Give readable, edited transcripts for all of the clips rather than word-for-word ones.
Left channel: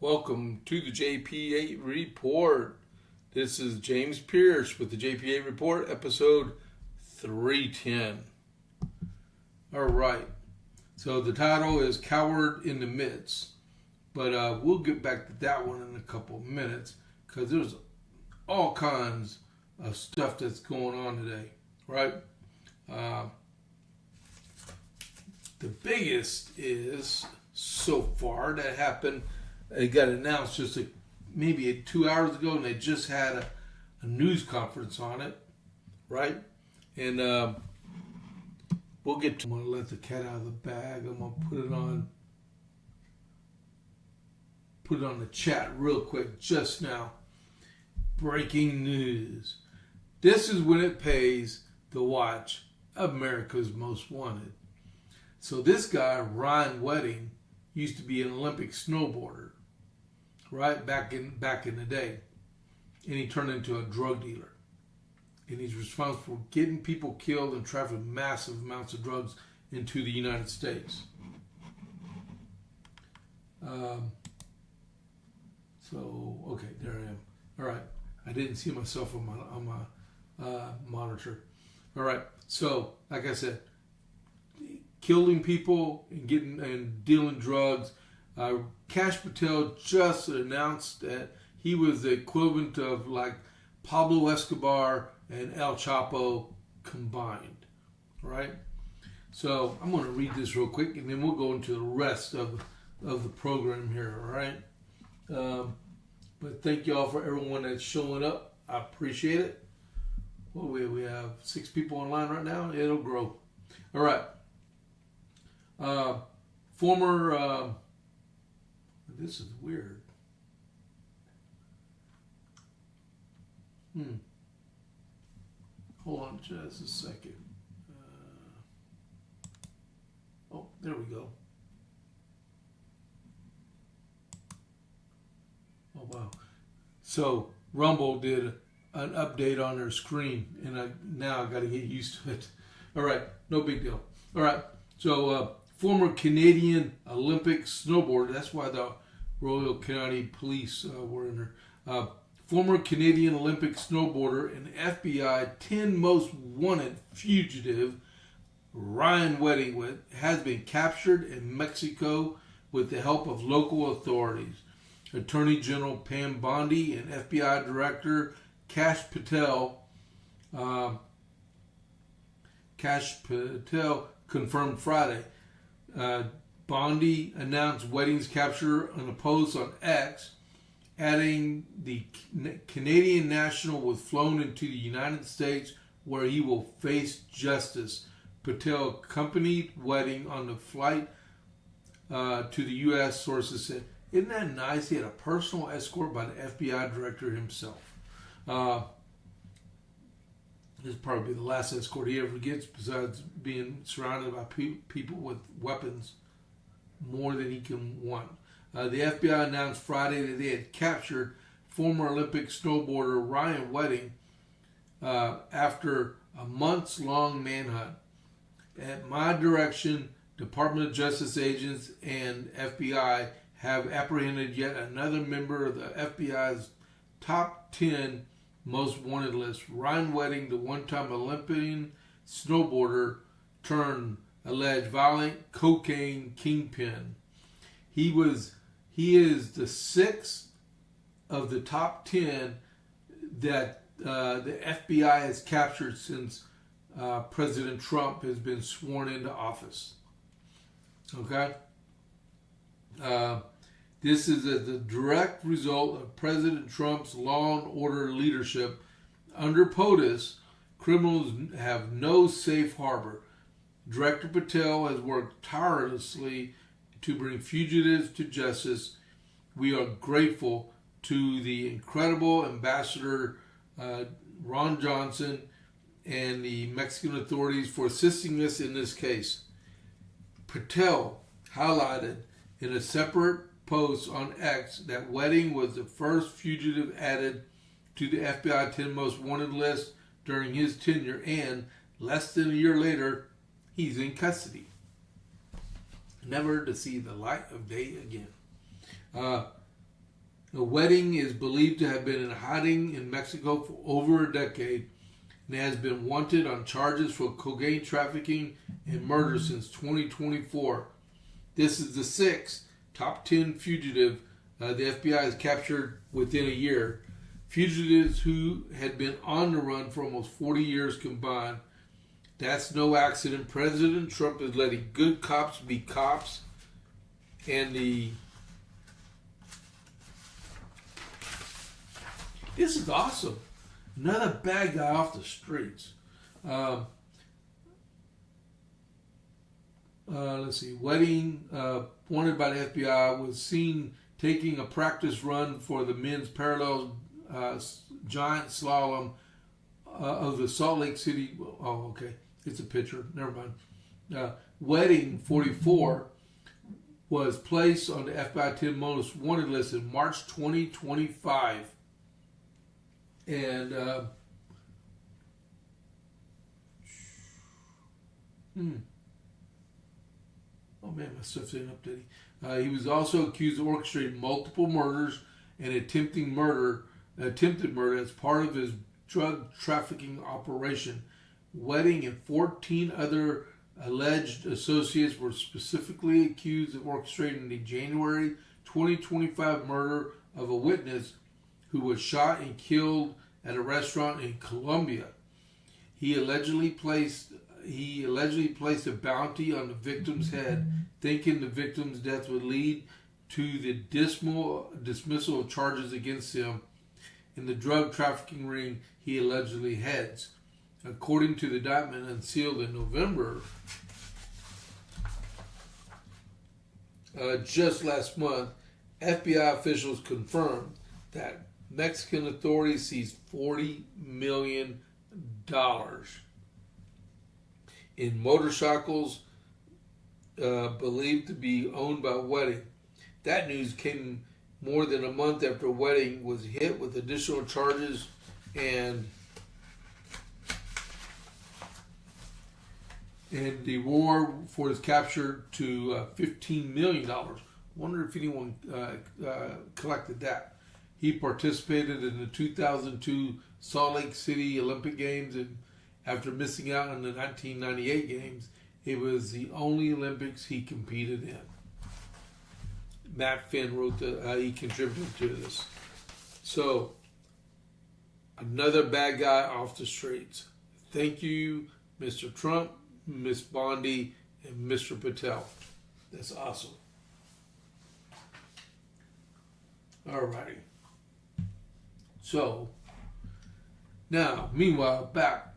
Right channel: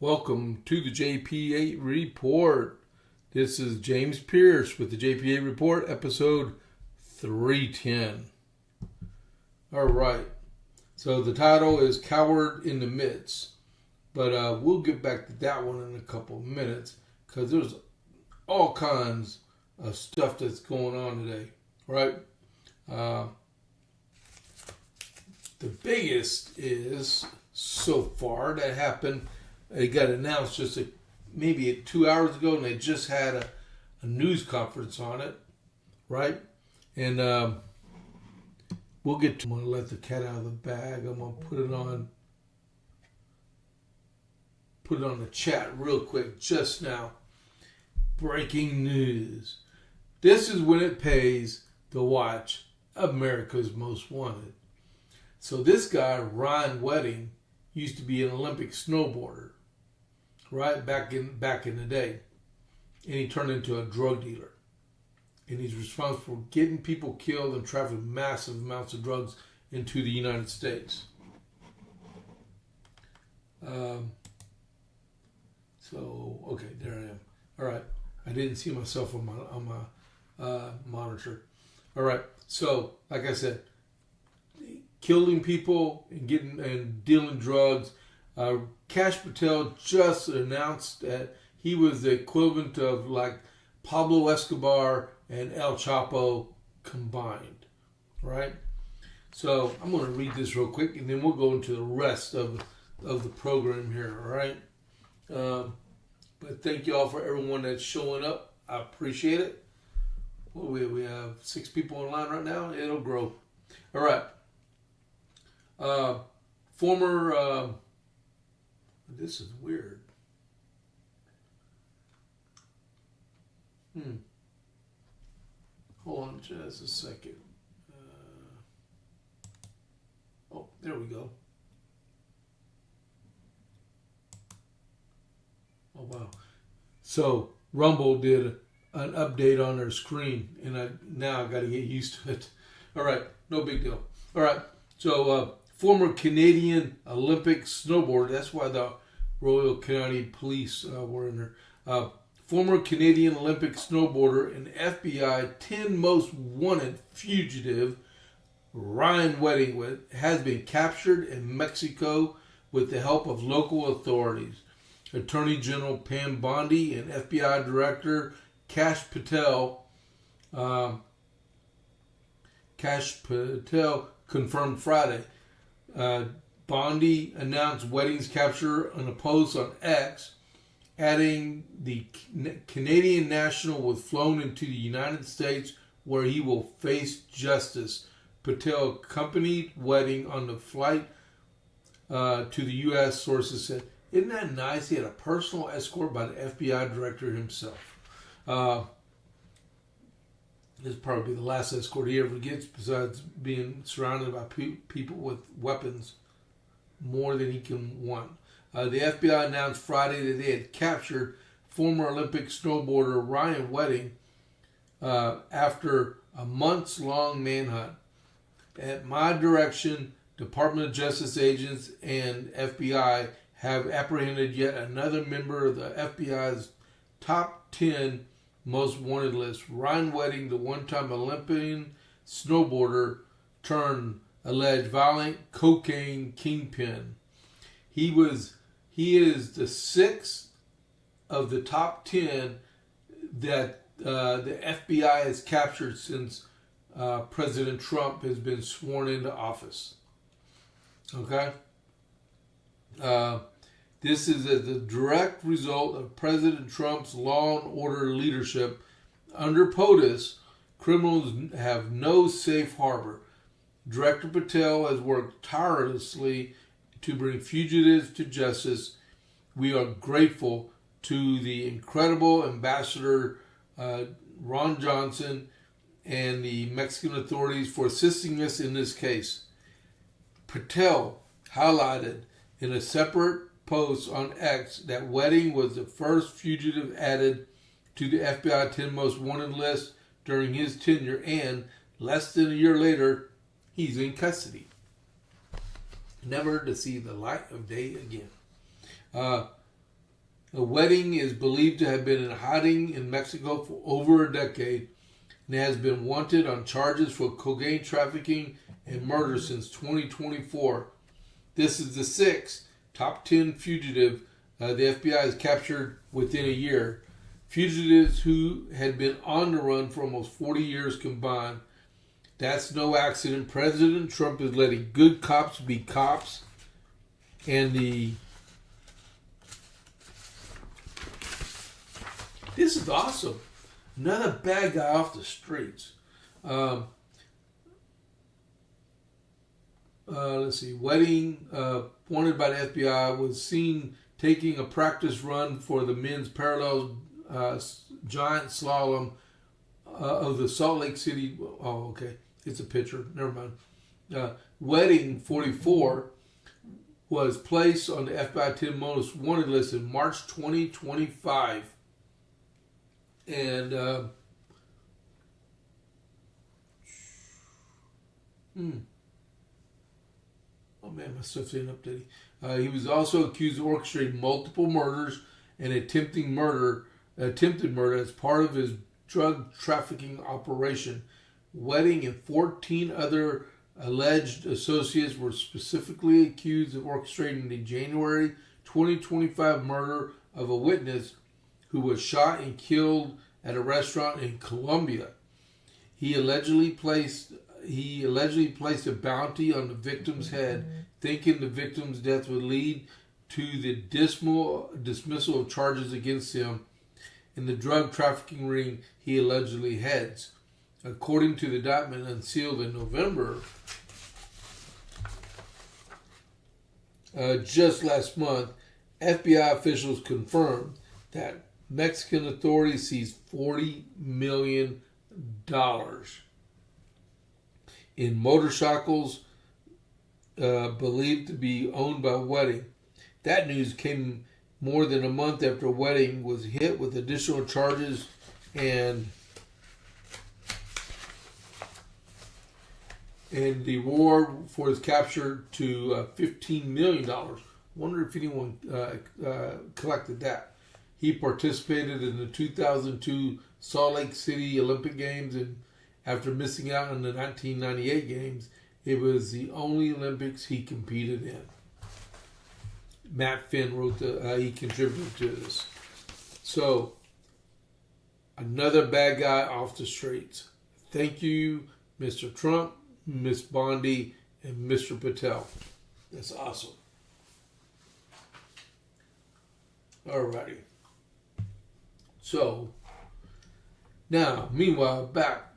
Welcome to the JP8 Report. This is James Pierce with the JP8 Report, episode 310. All right. So the title is Coward in the Midst. But we'll get back to that one in a couple of minutes because there's all kinds of stuff that's going on today, right? The biggest is so far that happened. It got announced just maybe 2 hours ago, and they just had a news conference on it, right? And we'll get to. I'm going to let the cat out of the bag. I'm going to put it on the chat real quick just now. Breaking news. This is when it pays to watch America's Most Wanted. So this guy, Ryan Wedding, used to be an Olympic snowboarder, right, back in the day. And he turned into a drug dealer. And he's responsible for getting people killed and trafficking massive amounts of drugs into the United States. Okay, there I am. All right. I didn't see myself on my monitor. All right. So, like I said, killing people and dealing drugs. Kash Patel just announced that he was the equivalent of like Pablo Escobar and El Chapo combined, right? So I'm going to read this real quick, and then we'll go into the rest of the program here, all right? But thank you all for everyone that's showing up. I appreciate it. Well, we have 6 people online right now. It'll grow. All right. Former... this is weird. Hold on just a second. There we go. Oh, wow. So, Rumble did an update on their screen, and now I got to get used to it. All right, no big deal. All right, so former Canadian Olympic snowboarder, that's why the Royal Canadian Police were in there. Former Canadian Olympic snowboarder and FBI 10 most wanted fugitive Ryan Wedding has been captured in Mexico with the help of local authorities. Attorney General Pam Bondi and FBI Director Kash Patel confirmed Friday. Bondi announced Wedding's capture in a post on X, adding the Canadian national was flown into the United States where he will face justice. Patel accompanied Wedding on the flight to the U.S., sources said. Isn't that nice? He had a personal escort by the FBI director himself. This will probably be the last escort he ever gets, besides being surrounded by people with weapons more than he can want. The FBI announced Friday that they had captured former Olympic snowboarder Ryan Wedding after a months-long manhunt. At my direction, Department of Justice agents and FBI have apprehended yet another member of the FBI's top 10 most wanted list. Ryan Wedding, the one-time Olympian snowboarder turned alleged violent cocaine kingpin. He is the 6th of the top 10 that the FBI has captured since President Trump has been sworn into office. Okay? This is the direct result of President Trump's law and order leadership. Under POTUS, criminals have no safe harbor. Director Patel has worked tirelessly to bring fugitives to justice. We are grateful to the incredible Ambassador Ron Johnson and the Mexican authorities for assisting us in this case. Patel highlighted in a separate post on X that Wedding was the first fugitive added to the FBI 10 most wanted list during his tenure, and less than a year later, he's in custody, never to see the light of day again. A wedding is believed to have been in hiding in Mexico for over a decade and has been wanted on charges for cocaine trafficking and murder since 2024. This is the sixth top 10 fugitive the FBI has captured within a year. Fugitives who had been on the run for almost 40 years combined. That's no accident. President Trump is letting good cops be cops. And this is awesome. Another bad guy off the streets. Let's see. Wedding, wanted by the FBI, was seen taking a practice run for the men's parallel giant slalom of the Salt Lake City. Oh, okay. It's a picture. Never mind. Wedding 44 was placed on the FBI 10 most wanted list in March 2025. And oh man, my stuff's ain't updating. He was also accused of orchestrating multiple murders and attempted murder as part of his drug trafficking operation. Wedding and 14 other alleged associates were specifically accused of orchestrating the January 2025 murder of a witness who was shot and killed at a restaurant in Colombia. He allegedly placed a bounty on the victim's head, thinking the victim's death would lead to the dismissal of charges against him in the drug trafficking ring he allegedly heads. According to the indictment unsealed in November, just last month, FBI officials confirmed that Mexican authorities seized $40 million in motorcycles believed to be owned by Wedding. That news came more than a month after Wedding was hit with additional charges and the reward for his capture to $15 million. Wonder if anyone collected that. He participated in the 2002 Salt Lake City Olympic Games, and after missing out on the 1998 Games, it was the only Olympics he competed in. Matt Finn wrote he contributed to this. So, another bad guy off the streets. Thank you, Mr. Trump, Miss Bondi, and Mr. Patel. That's awesome. Alrighty. So, now, meanwhile, back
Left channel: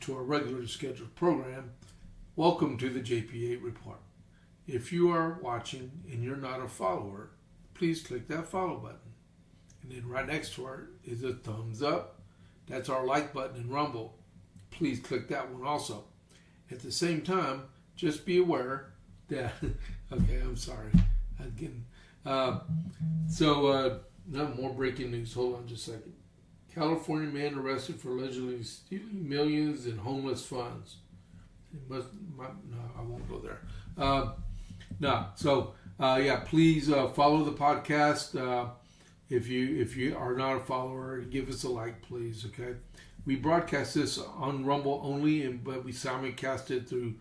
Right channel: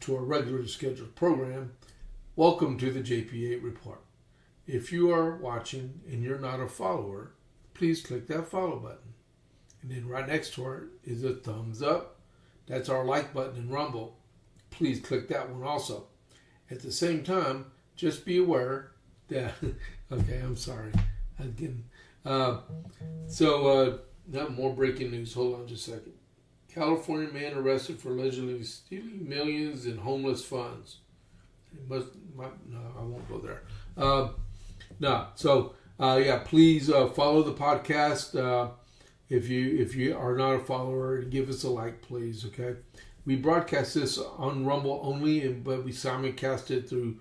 to our regularly scheduled program. Welcome to the JP8 Report. If you are watching and you're not a follower, please click that follow button. And then right next to it is a thumbs up. That's our like button in Rumble. Please click that one also. At the same time, just be aware that, okay, I'm sorry. Again, not more breaking news. Hold on just a second. California man arrested for allegedly stealing millions in homeless funds. No, I won't go there. Please follow the podcast. If you are not a follower, give us a like, please. Okay, we broadcast this on Rumble only, but we simulcast it through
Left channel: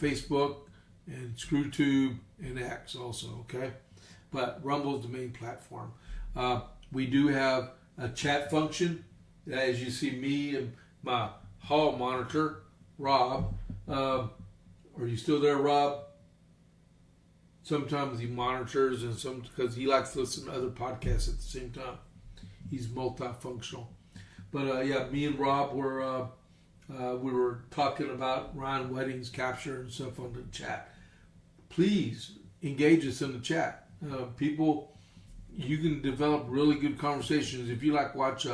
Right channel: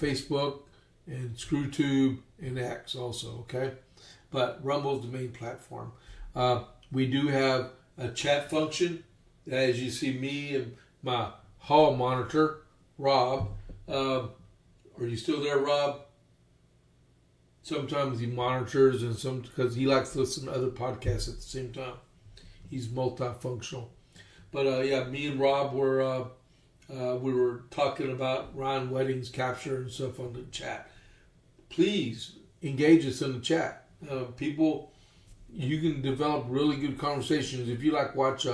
Facebook and ScrewTube and X also. Okay, but Rumble is the main platform. We do have a chat function. As you see, me and my hall monitor, Rob. Are you still there, Rob? Sometimes he monitors, and some because he likes to listen to other podcasts at the same time. He's multifunctional. But me and Rob we were talking about Ryan Wedding's capture and stuff on the chat. Please engage us in the chat. People, you can develop really good conversations if you watch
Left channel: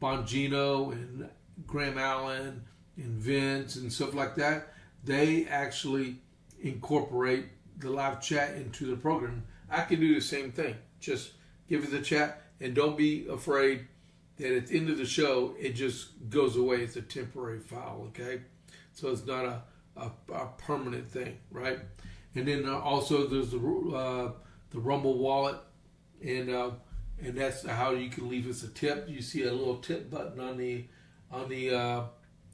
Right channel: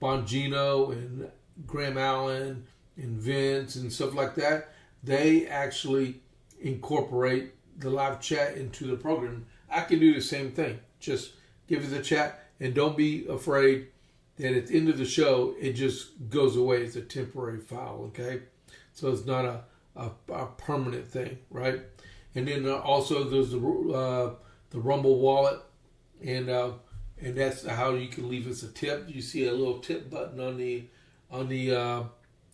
Bongino and Graham Allen and Vince and stuff like that. They actually incorporate the live chat into the program. I can do the same thing. Just give us a chat, and don't be afraid that at the end of the show it just goes away. It's a temporary file, okay? So it's not a permanent thing, right? And then also there's the the Rumble wallet, and that's how you can leave us a tip. You see a little tip button on the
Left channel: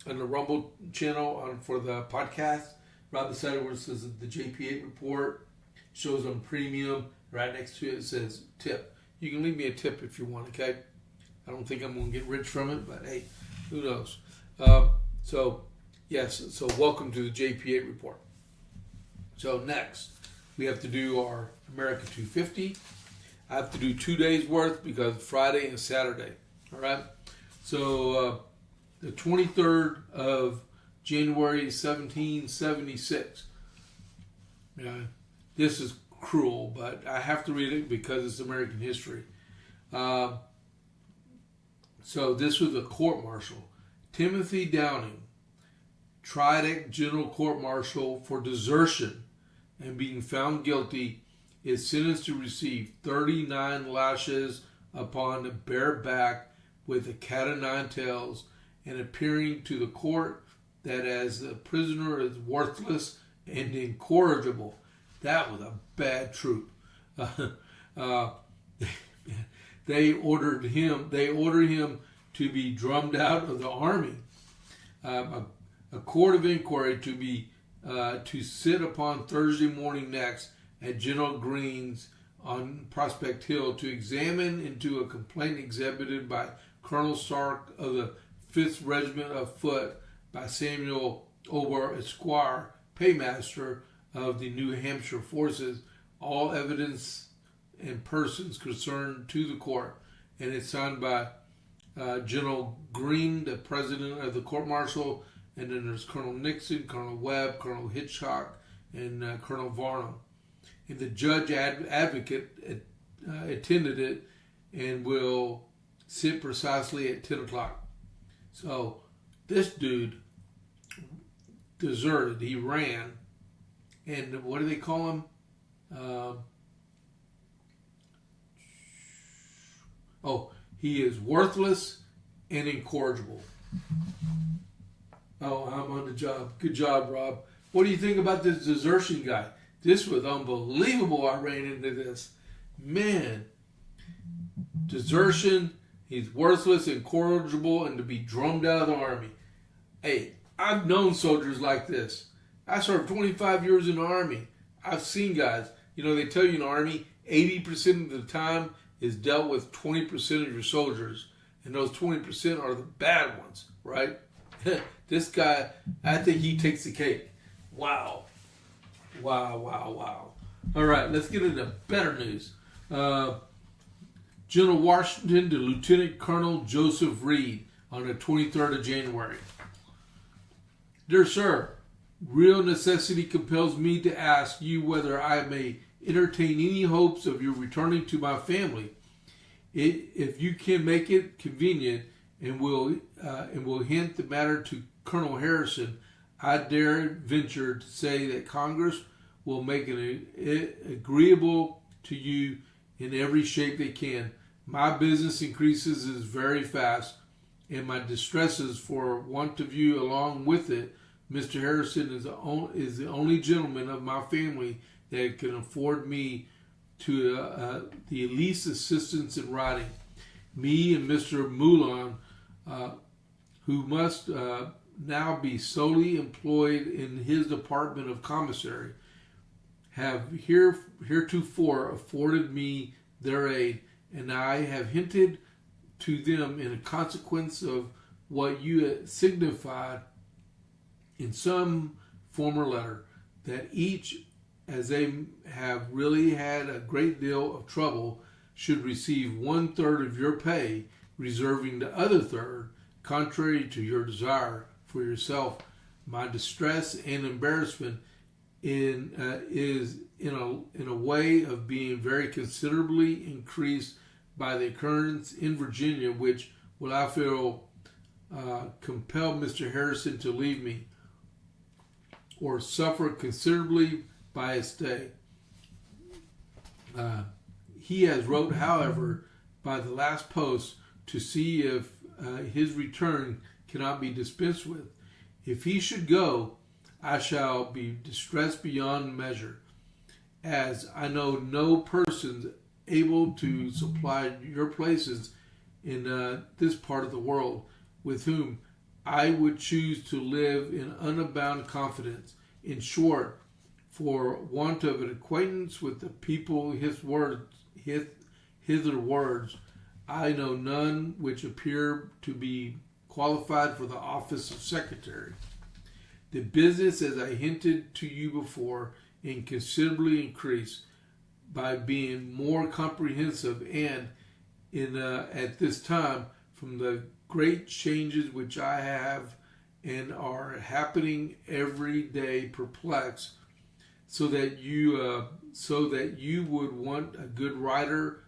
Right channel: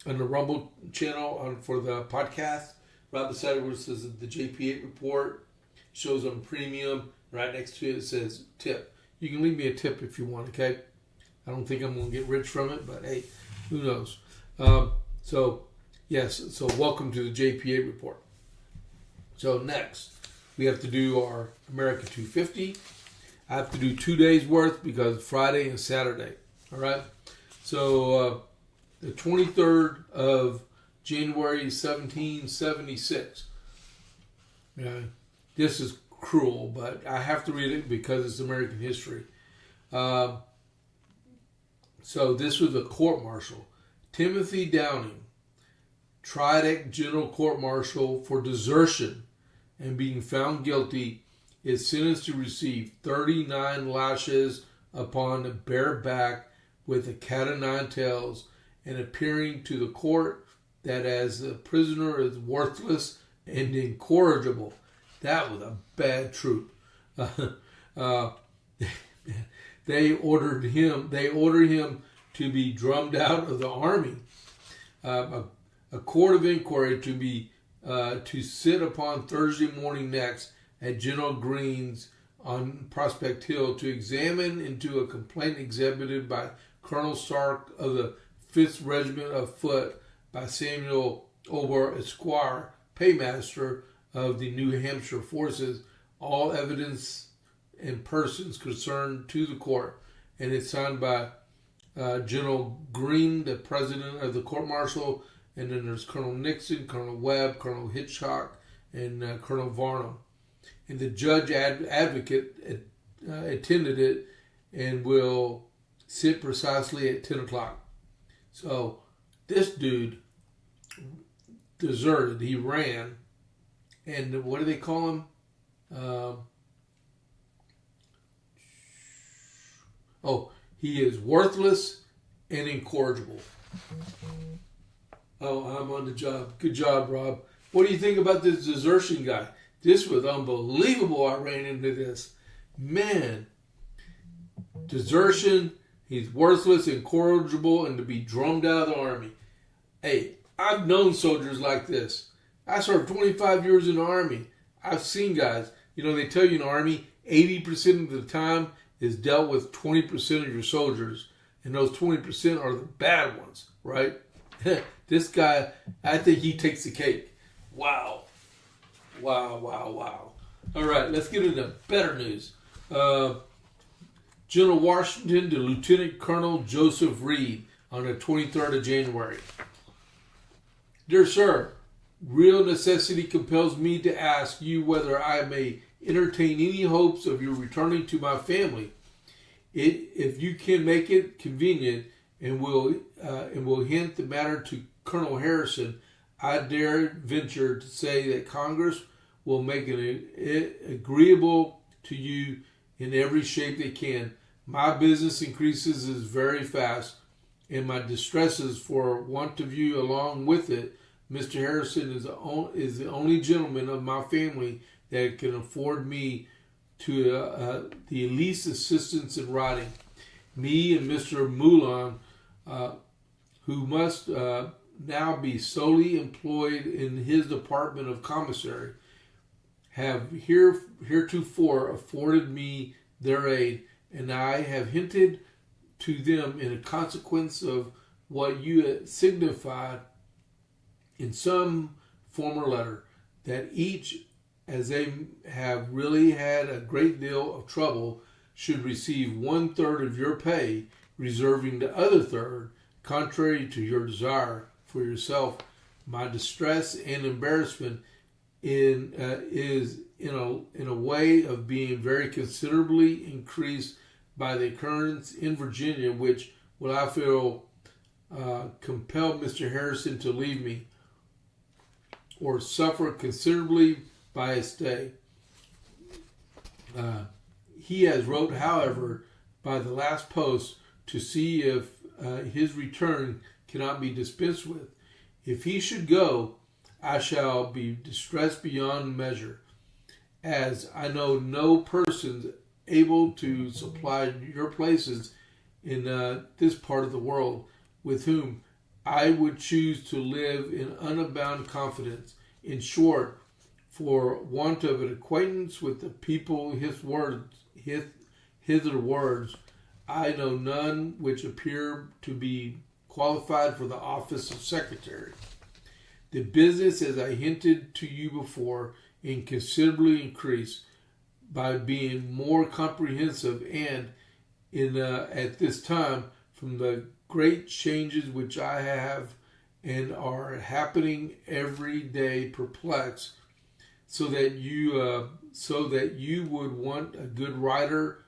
Rumble channel for the podcast. Right beside it where it says the JP8 report, shows on premium. Right next to it says tip. You can leave me a tip if you want, okay? I don't think I'm going to get rich from it, but hey, who knows? So welcome to the JP8 report. So next, we have to do our America 250. I have to do 2 days worth because Friday and Saturday. All right? So the 23rd of January 1776. This is cruel, but I have to read it because it's American history. So this was a court-martial. Timothy Downing, tried at General Court-Martial for desertion and being found guilty, is sentenced to receive 39 lashes upon a bare back with a cat o' nine tails, and appearing to the court that as the prisoner is worthless and incorrigible. That was a bad troop. They ordered him to be drummed out of the army. A court of inquiry to sit upon Thursday morning next at General Green's on Prospect Hill to examine into a complaint exhibited by Colonel Stark of the 5th Regiment of Foot by Samuel Ober, Esquire, paymaster of the New Hampshire forces, all evidence and persons concerned to the court, and it's signed by General Green, the president of the court-martial, and then there's Colonel Nixon, Colonel Webb, Colonel Hitchcock, and Colonel Varnum. And the judge advocate attended it and will sit precisely at 10 o'clock. So this dude deserted. He ran. And what do they call him? He is worthless and incorrigible. Oh, I'm on the job. Good job, Rob. What do you think about this desertion guy? This was unbelievable. I ran into this. Man. Desertion. He's worthless, incorrigible, and to be drummed out of the army. Hey, I've known soldiers like this. I served 25 years in the Army. I've seen guys. They tell you in the Army, 80% of the time is dealt with 20% of your soldiers. And those 20% are the bad ones, right? This guy, I think he takes the cake. Wow. All right, let's get into better news. General Washington to Lieutenant Colonel Joseph Reed on the 23rd of January. Dear sir, real necessity compels me to ask you whether I may entertain any hopes of your returning to my family. If you can make it convenient and will hint the matter to Colonel Harrison, I dare venture to say that Congress will make it agreeable to you in every shape they can. My business increases very fast, and my distresses for want of you along with it. Mr. Harrison is the only gentleman of my family that can afford me to the least assistance in writing. Me and Mr. Moulin, who must now be solely employed in his department of commissary, have heretofore afforded me their aid, and I have hinted to them in consequence of what you signified in some former letter, that each, as they have really had a great deal of trouble, should receive 1/3 of your pay, reserving the other third, contrary to your desire for yourself. My distress and embarrassment is in a way of being very considerably increased by the occurrence in Virginia, which will I feel compel Mr. Harrison to leave me, or suffer considerably by his stay. He has wrote, however, by the last post to see if his return cannot be dispensed with. If he should go, I shall be distressed beyond measure. as I know no persons able to supply your places in this part of the world, with whom I would choose to live in unbounded confidence. In short, for want of an acquaintance with the people, hither words, I know none which appear to be qualified for the office of secretary. The business, as I hinted to you before, considerably increased by being more comprehensive, and at this time, from the great changes which I have and are happening every day, perplexed, so that you would want a good writer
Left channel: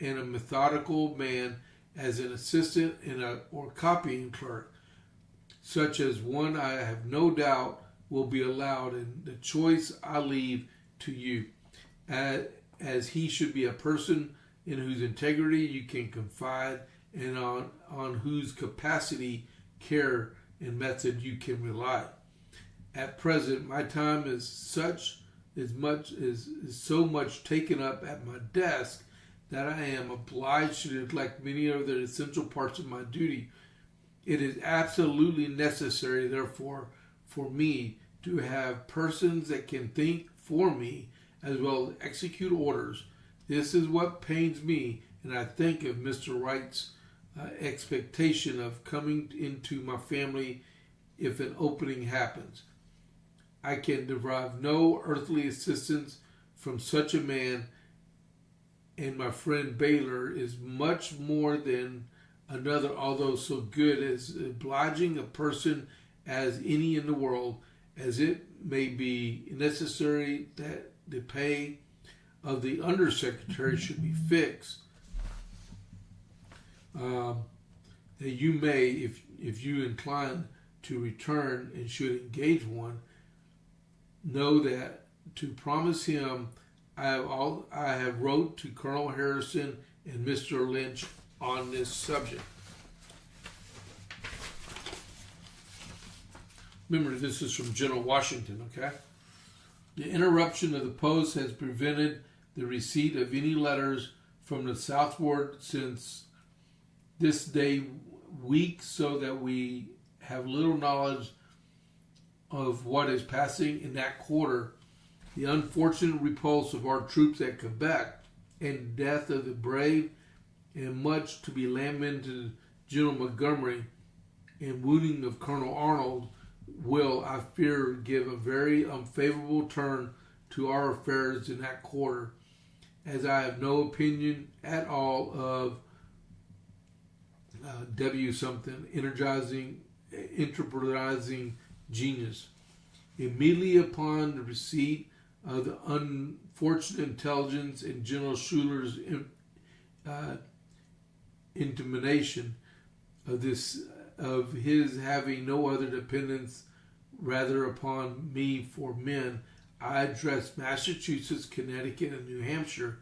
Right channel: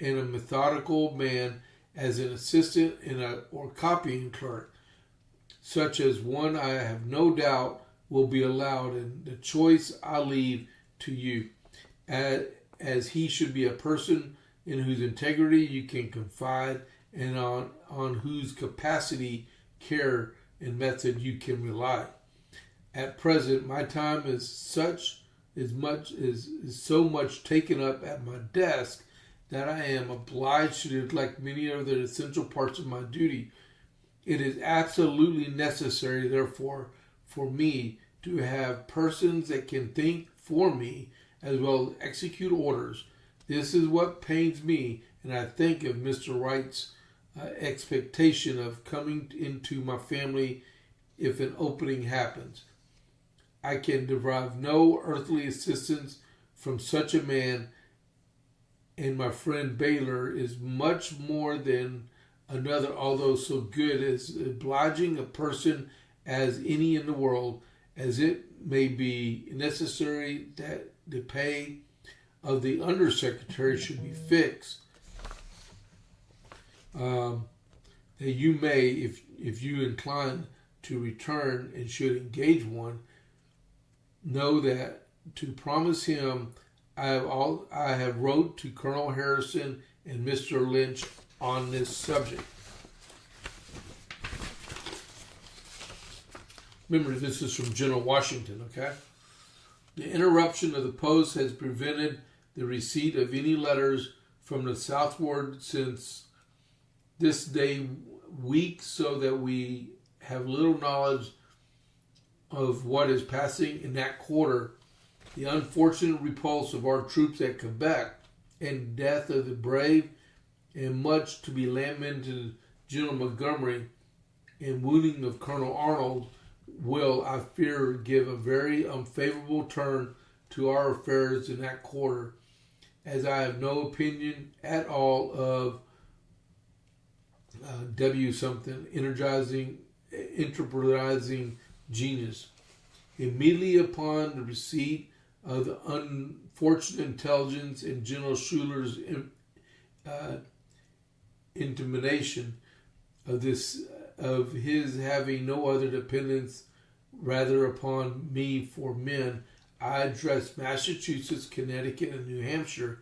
and a methodical man as an assistant or copying clerk, such as one I have no doubt will be allowed, and the choice I leave to you, as he should be a person in whose integrity you can confide, and on whose capacity, care, and method you can rely. At present, my time is so much taken up at my desk that I am obliged to neglect many of the essential parts of my duty. It is absolutely necessary, therefore, for me to have persons that can think for me as well as execute orders. This is what pains me, and I think of Mr. Wright's expectation of coming into my family if an opening happens. I can derive no earthly assistance from such a man, and my friend Baylor is much more than another, although so good, as obliging a person as any in the world, as it may be necessary that the pay of the undersecretary should be fixed, that you may, if you incline to return and should engage one, know that to promise him I have wrote to Colonel Harrison and Mr. Lynch on this subject. Remember, this is from General Washington, okay? The interruption of the post has prevented the receipt of any letters from the southward since this day week, so that we have little knowledge of what is passing in that quarter. The unfortunate repulse of our troops at Quebec and death of the brave and much to be lamented General Montgomery and wounding of Colonel Arnold will, I fear, give a very unfavorable turn to our affairs in that quarter, as I have no opinion at all of W. something, enterprising genius. Immediately upon the receipt of the unfortunate intelligence and General Schuyler's intimation of his having no other dependence rather upon me for men, I addressed Massachusetts, Connecticut, and New Hampshire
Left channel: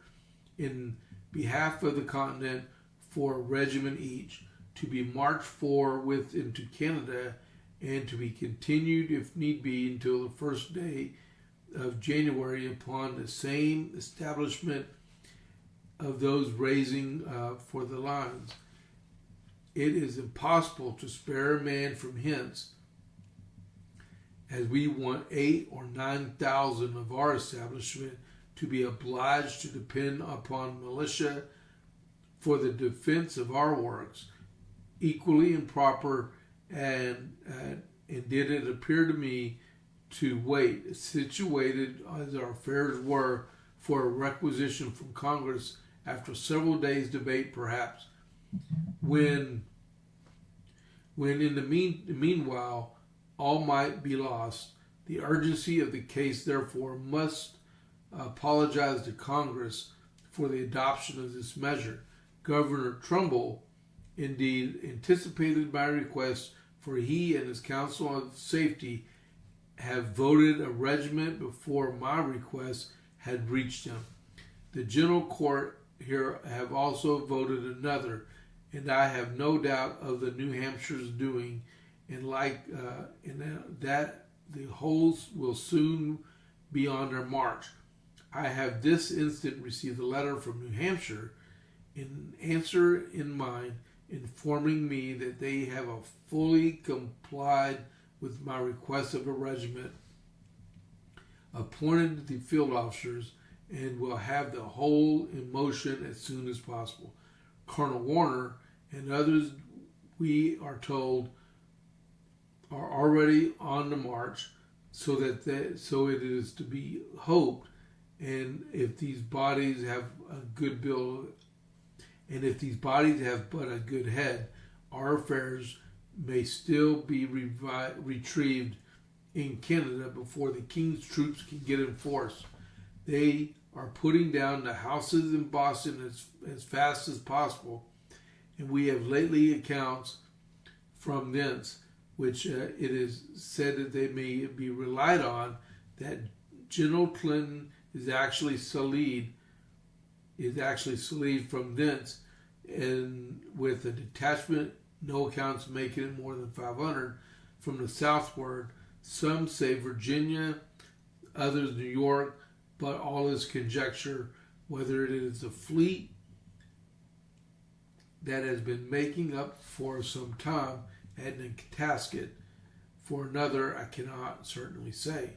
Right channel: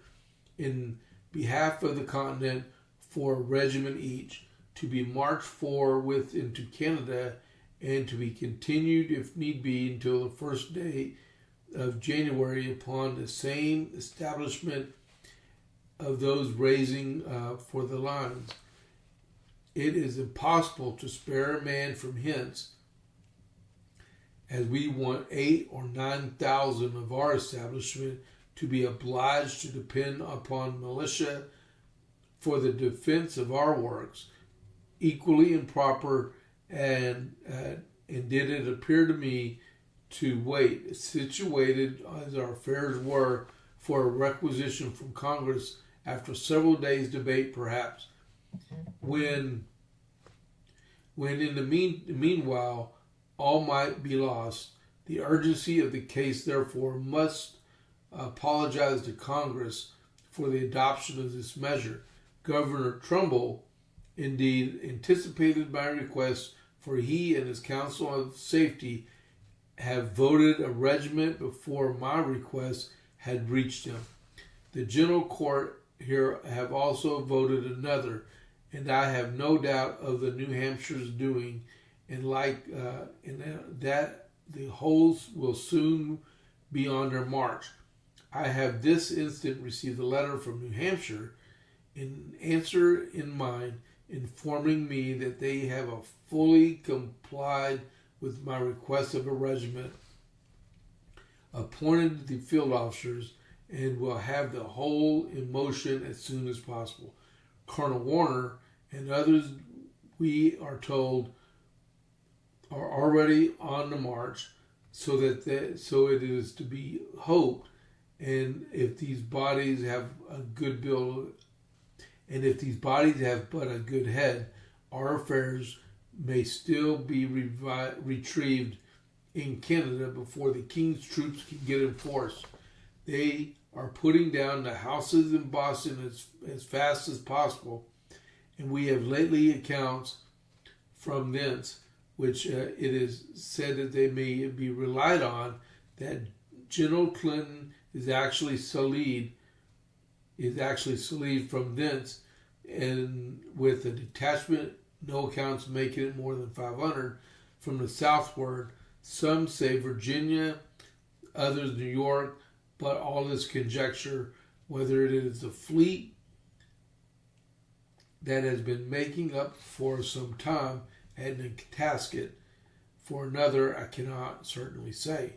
in behalf of the continent for a regiment each, to be marched forthwith into Canada, and to be continued, if need be, until the first day of January upon the same establishment of those raising for the lines. It is impossible to spare a man from hence, as we want 8,000 or 9,000 of our establishment to be obliged to depend upon militia for the defense of our works, equally improper, and did it appear to me to wait, situated as our affairs were, for a requisition from Congress after several days' debate, perhaps, when in the meanwhile all might be lost. The urgency of the case, therefore, must apologize to Congress for the adoption of this measure. Governor Trumbull, indeed, anticipated my request, for he and his Council of Safety have voted a regiment before my request had reached him. The General Court here have also voted another, and I have no doubt of the New Hampshire's doing, and that the whole will soon be on their march. I have this instant received a letter from New Hampshire in answer in mind, informing me that they have fully complied with my request of a regiment, appointed the field officers, and will have the whole in motion as soon as possible. Colonel Warner and others, we are told, are already on the march, so it is to be hoped, and if these bodies have a good bill, and if these bodies have but a good head, our affairs may still be retrieved in Canada before the King's troops can get in force. They are putting down the houses in Boston as fast as possible, and we have lately accounts from thence, which it is said that they may be relied on, that General Clinton is actually sallied from thence, and with a detachment, no accounts making it more than 500 from the southward. Some say Virginia, others New York, but all is conjecture whether it is a fleet that has been making up for some time at Nantasket. For another, I cannot certainly say.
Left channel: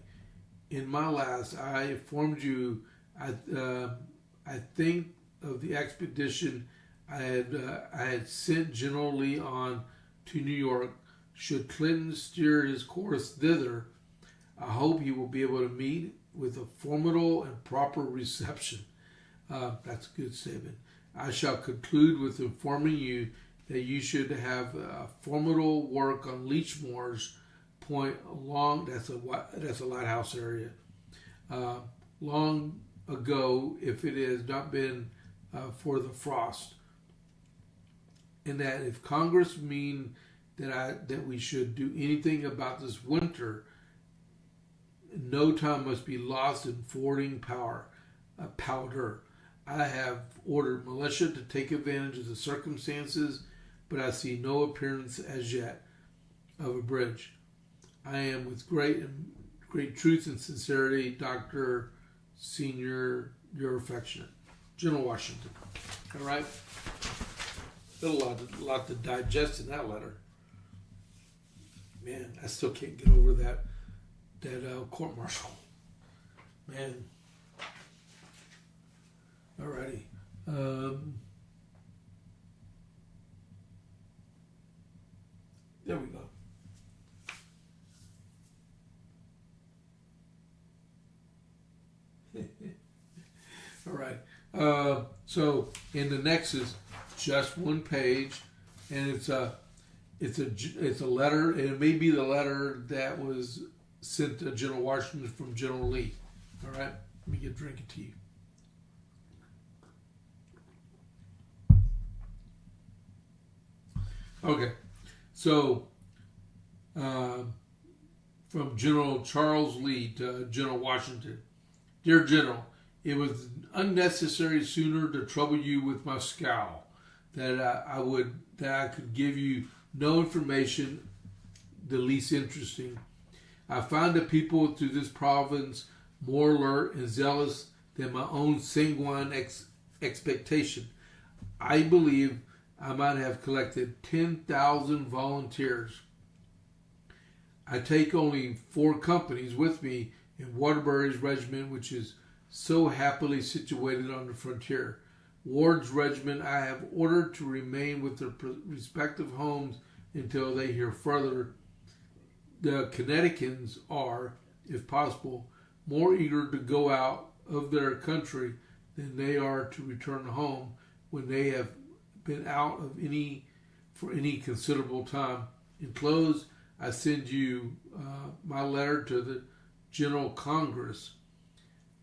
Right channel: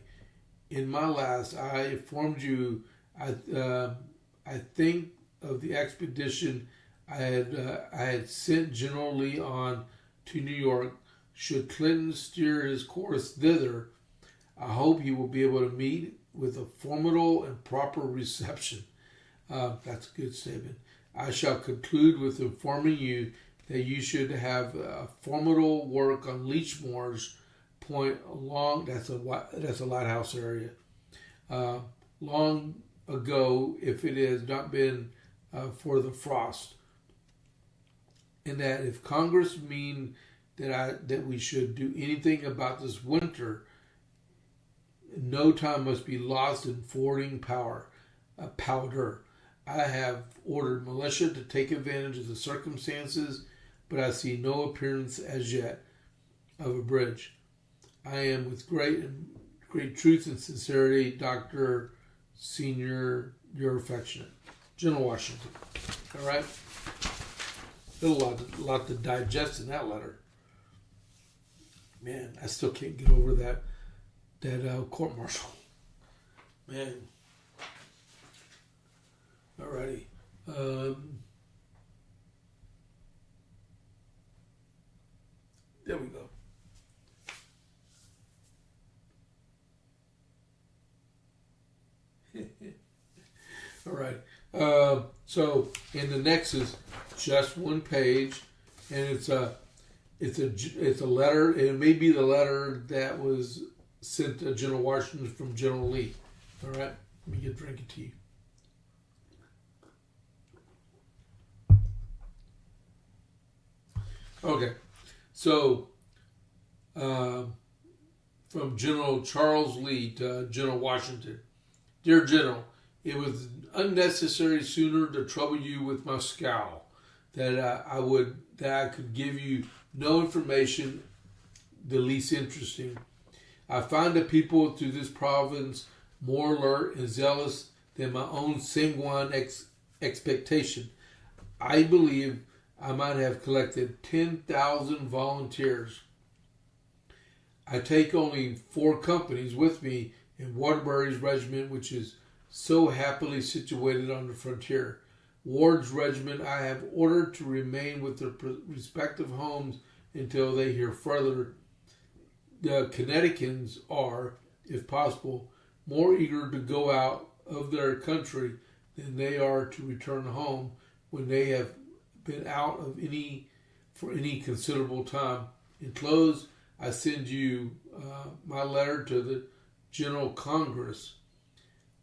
In my last, I informed you, I think of the expedition I had sent General Lee on to New York. Should Clinton steer his course thither, I hope he will be able to meet with a formidable and proper reception. That's a good statement. I shall conclude with informing you that you should have a formidable work on Leechmoor's Point along. That's a lighthouse area. Long ago, if it has not been for the frost, and that if Congress mean that we should do anything about this winter, no time must be lost in forwarding powder. I have ordered militia to take advantage of the circumstances, but I see no appearance as yet of a bridge. I am with great truth and sincerity, Dr. Senior, your affectionate General Washington. All right, a lot to digest in that letter. Man, I still can't get over that court martial. Man. Alrighty. There we go. All right. So in the next is just one page, and it's a letter, and it may be the letter that was sent to General Washington from General Lee. All right. Let me get a drink of tea. Okay, so from General Charles Lee to General Washington. Dear General, it was unnecessary sooner to trouble you with my scowl, that I could give you no information the least interesting. I find the people through this province more alert and zealous than my own sanguine expectation. I believe I might have collected 10,000 volunteers. I take only 4 companies with me in Waterbury's regiment, which is so happily situated on the frontier. Ward's regiment I have ordered to remain with their respective homes until they hear further. The Connecticutans are, if possible, more eager to go out of their country than they are to return home when they have been out of for any considerable time. In close, I send you my letter to the General Congress,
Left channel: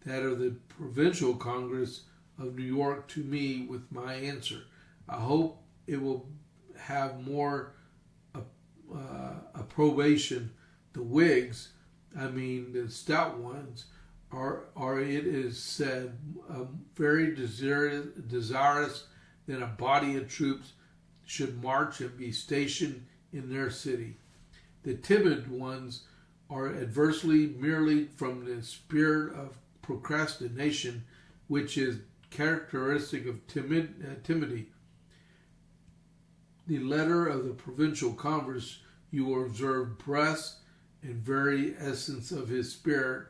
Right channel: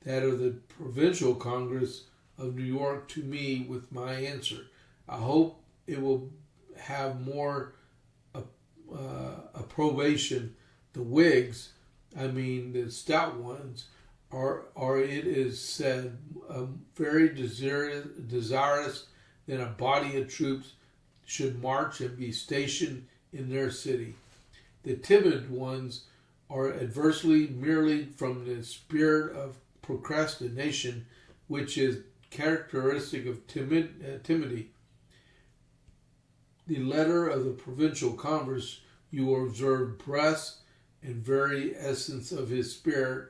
that of the Provincial Congress of New York, to me with my answer. I hope it will have more approbation. The Whigs, I mean the stout ones, are it is said very desirous that a body of troops should march and be stationed in their city. The timid ones are adversely merely from the spirit of procrastination, which is characteristic of timidity. The letter of the provincial Congress, you will observe breast and very essence of his spirit.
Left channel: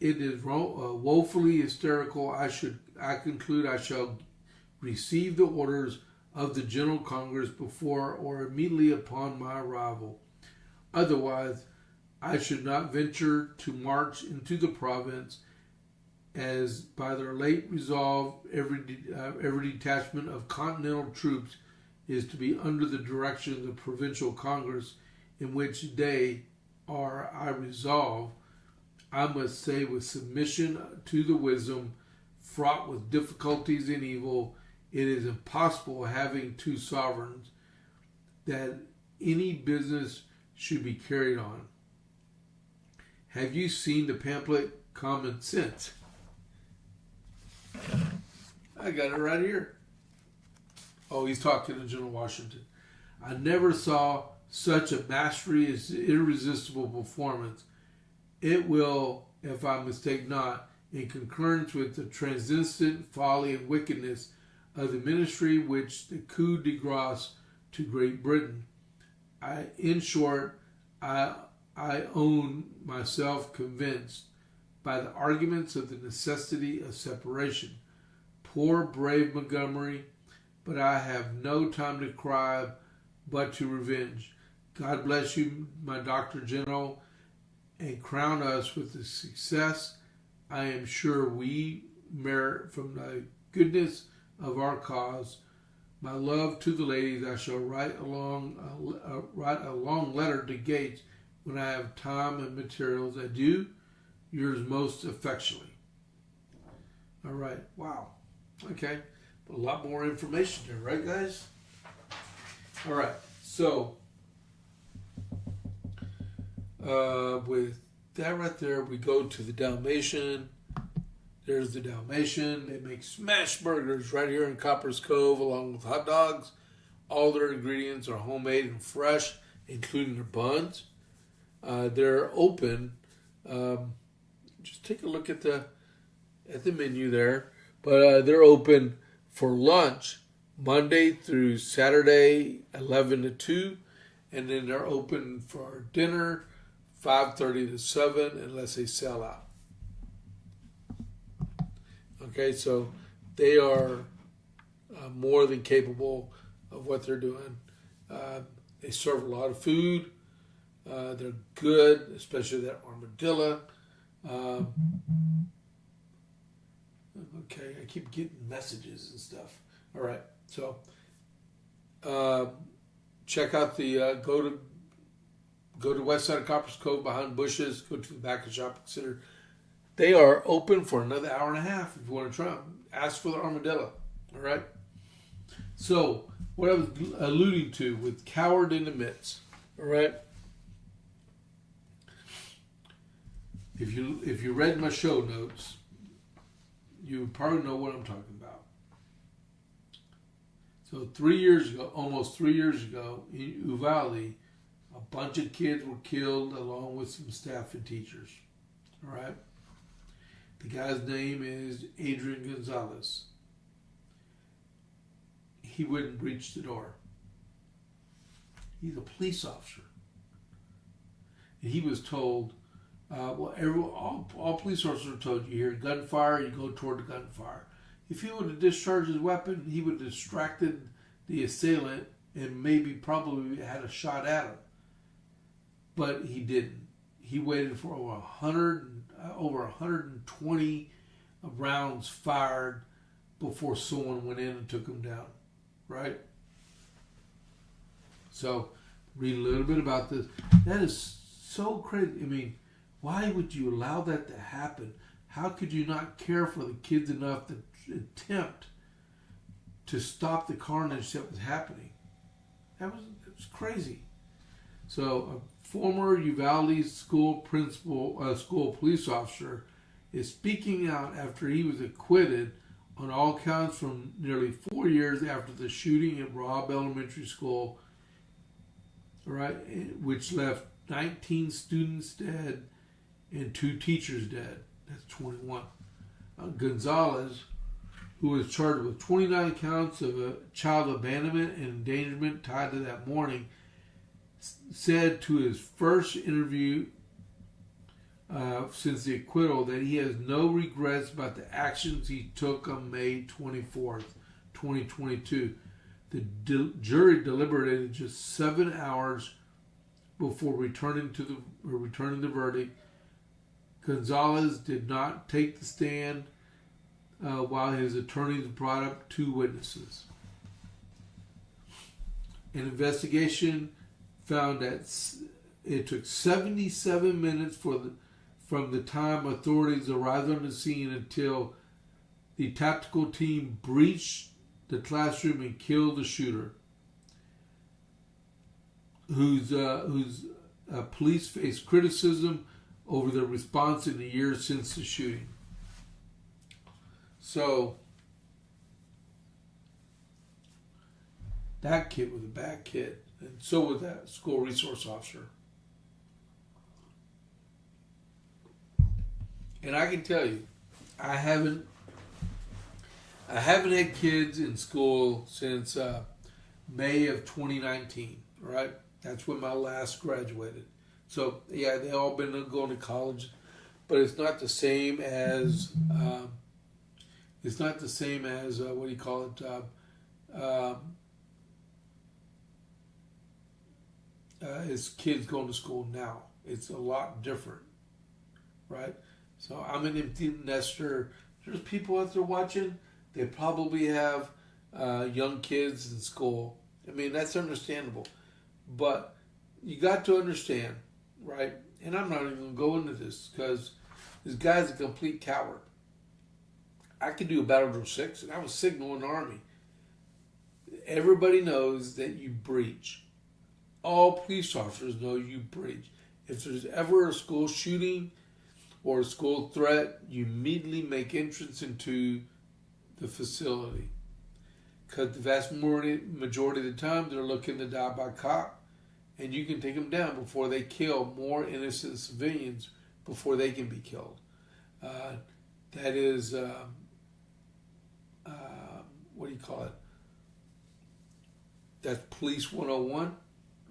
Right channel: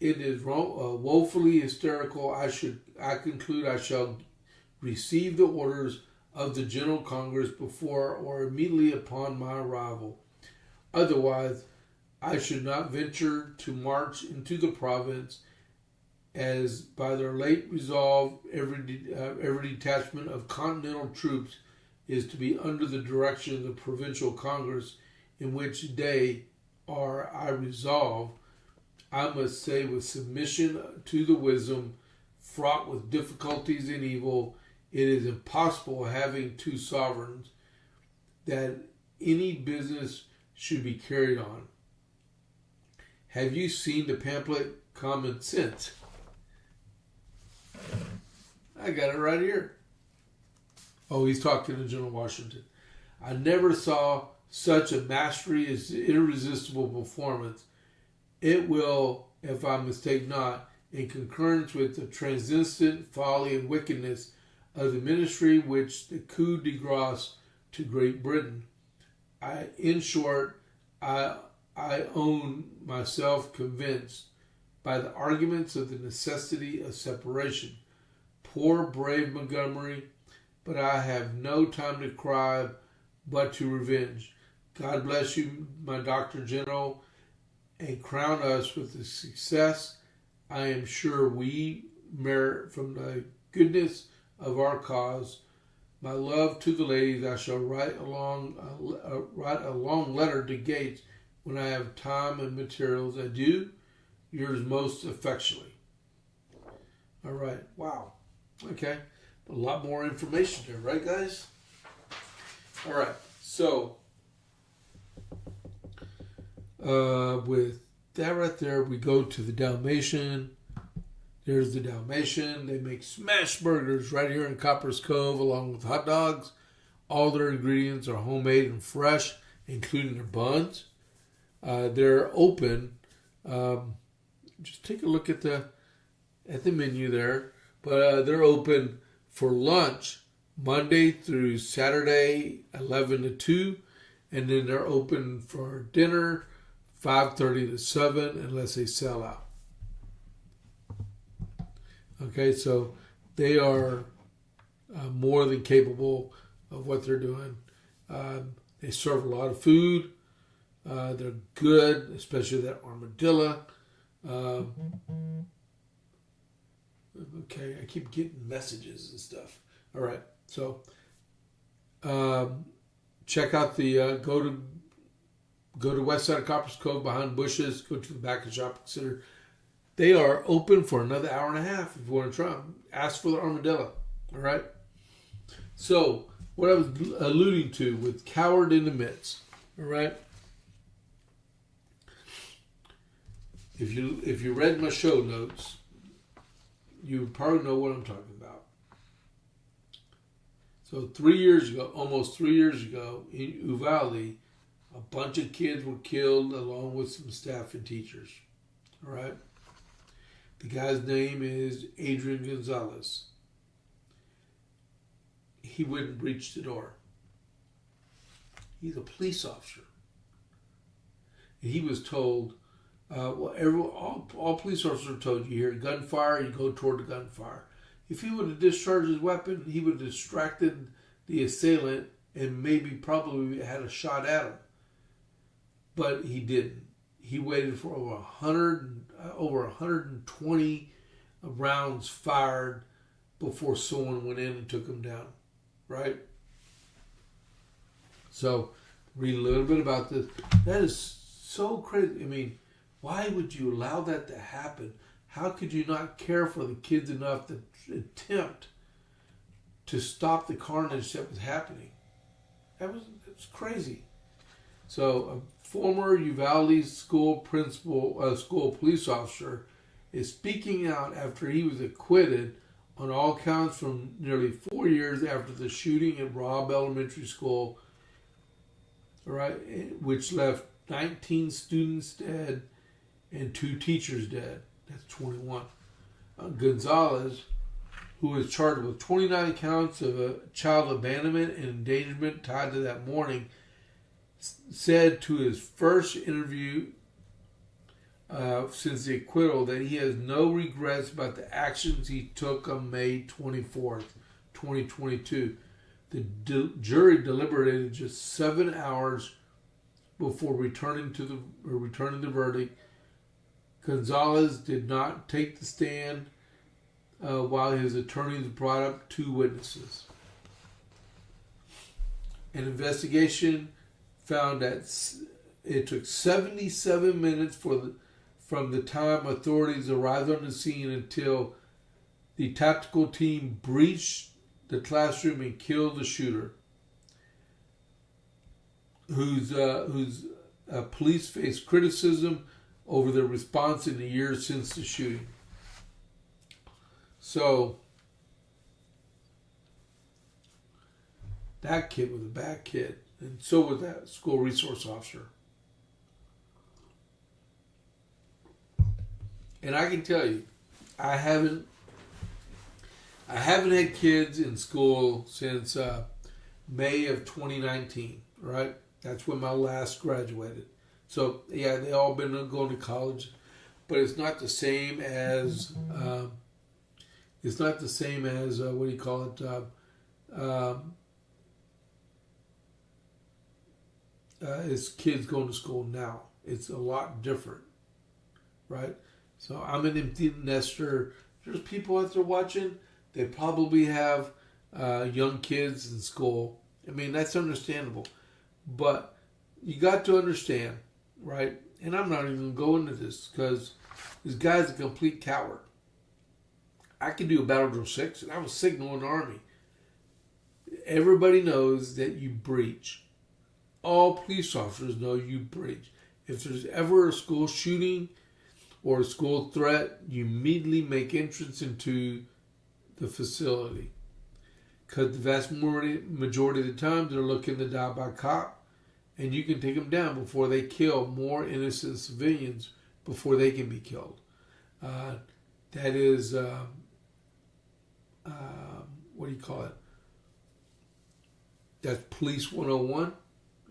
It is woefully hysterical. I conclude I shall receive the orders of the General Congress before or immediately upon my arrival. Otherwise, I should not venture to march into the province, as by their late resolve, every detachment of Continental troops is to be under the direction of the Provincial Congress, in which they are, I resolve, I must say with submission to the wisdom, fraught with difficulties and evil, it is impossible having two sovereigns, that any business should be carried on. Have you seen the pamphlet Common Sense? I got it right here. Oh, he's talking to General Washington. I never saw such a mastery as irresistible performance. It will, if I mistake not, in concurrence with the transcendent folly and wickedness of the ministry which the coup de grace to Great Britain. In short, I own myself convinced by the arguments of the necessity of separation. Poor brave Montgomery, but I have no time to cry but to revenge. God bless you, my Dr. General, and crown us with the success I am sure we merit from the goodness of our cause. My love to the ladies. I shall write a long letter to Gates when I have time and materials. Adieu, yours most affectionately. All right. Wow. Okay. A lot more information here, right, guys? All right. So, with that right there, we go to the Dalmatian. There's the Dalmatian. They make smash burgers right here in Copper's Cove along with hot dogs. All their ingredients are homemade and fresh, including their buns. They're open. Just take a look at the menu there. But they're open for lunch Monday through Saturday, 11 to 2. And then they're open for dinner, 5:30 to 7, unless they sell out. Okay, so they are more than capable of what they're doing. They serve a lot of food. They're good, especially that armadillo. Okay, I keep getting messages and stuff. All right, so check out the go to west side of Copper's Cove behind bushes. Go to the back of the shopping center. They are open for another hour and a half if you want to try them. Ask for the armadillo. All right. So what I was alluding to with coward in the midst. All right. If you read my show notes, you probably know what I'm talking about. So almost 3 years ago, in Uvalde, a bunch of kids were killed along with some staff and teachers. All right. The guy's name is Adrian Gonzalez. He wouldn't breach the door. He's a police officer. And he was told, all police officers are told, you hear gunfire, you go toward the gunfire. If he would have discharged his weapon, he would have distracted the assailant and probably had a shot at him. But he didn't. He waited for over 120 rounds fired before someone went in and took him down. Right? So, read a little bit about this. That is so crazy. I mean, why would you allow that to happen? How could you not care for the kids enough to attempt to stop the carnage that was happening? That was crazy. So, a former Uvalde school police officer is speaking out after he was acquitted on all counts from nearly 4 years after the shooting at Robb Elementary School, right, which left 19 students dead and 2 teachers dead. That's 21. Gonzalez, who was charged with 29 counts of child abandonment and endangerment tied to that morning, said to his first interview since the acquittal that he has no regrets about the actions he took on May 24th, 2022. The jury deliberated just 7 hours before returning the verdict. Gonzalez did not take the stand while his attorneys brought up 2 witnesses. An investigation found that it took 77 minutes from the time authorities arrived on the scene until the tactical team breached the classroom and killed the shooter, whose police faced criticism over their response in the years since the shooting. So that kid was a bad kid, and so was that school resource officer. And I can tell you, I haven't had kids in school since May of 2019, right? That's when my last graduated. So yeah, they all been going to college, but it's not the same as what do you call it? As kids going to school now, it's a lot different, right? So I'm an empty nester. There's people out there watching. They probably have young kids in school. I mean, that's understandable. But you got to understand, right? And I'm not even going to go into this because this guy's a complete coward. I could do a Battle Drill 6, and I was signaling the Army. Everybody knows that you breach. All police officers know you breach. If there's ever a school shooting or a school threat, you immediately make entrance into the facility. Because the vast majority of the time, they're looking to die by cop, and you can take them down before they kill more innocent civilians before they can be killed. That is, what do you call it? That's Police 101,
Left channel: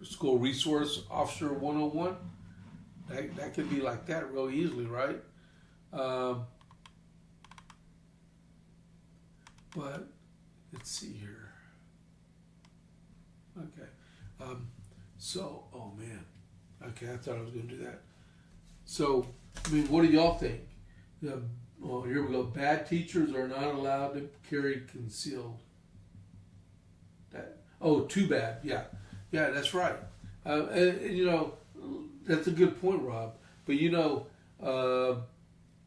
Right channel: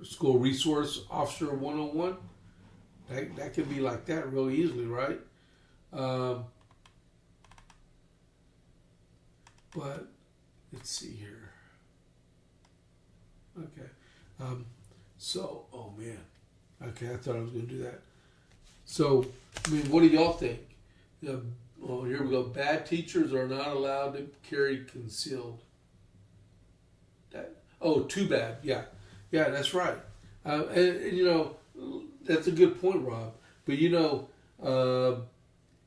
School Resource Officer 101. That could be like that real easily, right? But let's see here. Okay. So, oh man. Okay, I thought I was going to do that. So, I mean, what do y'all think? Well, here we go. Bad teachers are not allowed to carry concealed. Too bad. Yeah, that's right. And you know, that's a good point, Rob. But you know,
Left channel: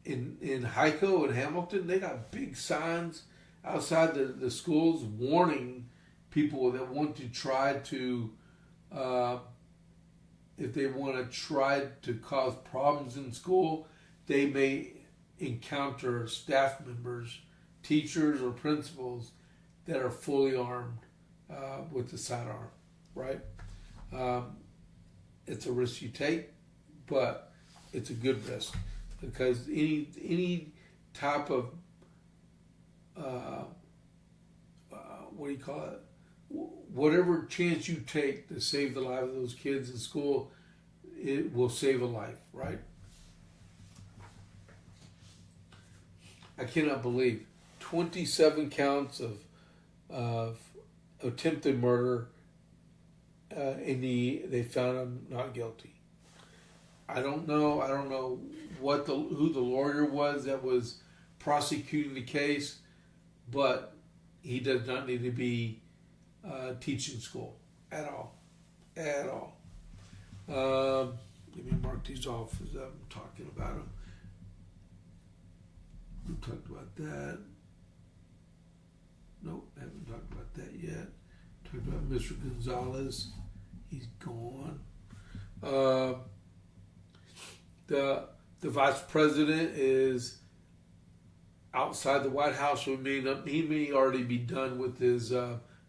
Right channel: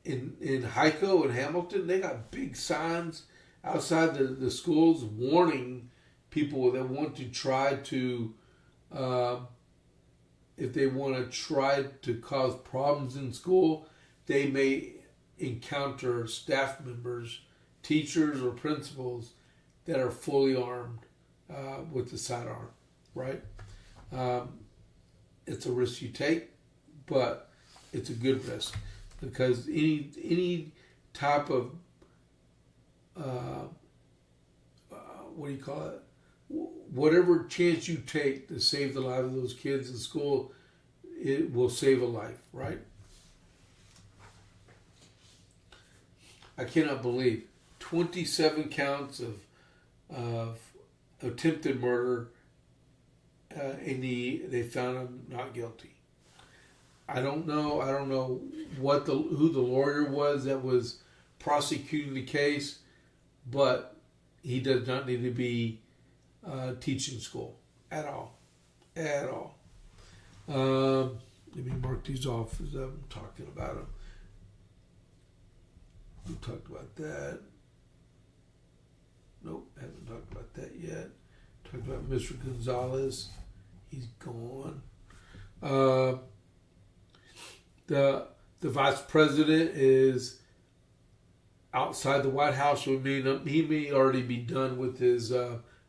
in Heiko and Hamilton, they got big signs outside the schools warning people that want to try to, if they want to try to cause problems in school, they may encounter staff members, teachers, or principals that are fully armed with the sidearm, right? It's a risk you take, but it's a good risk because any type of what do you call it? Whatever chance you take to save the life of those kids in school, it will save a life, right? I cannot believe 27 counts of attempted murder, and they found him not guilty. I don't know who the lawyer was that was prosecuting the case, but he does not need to be teaching school at all. Let me mark these off as I'm talking about them. We talked about that. Nope, haven't talked about that yet. Talked about Mr. Gonzalez. He's gone. The vice president is outside the White House. He may already be done with his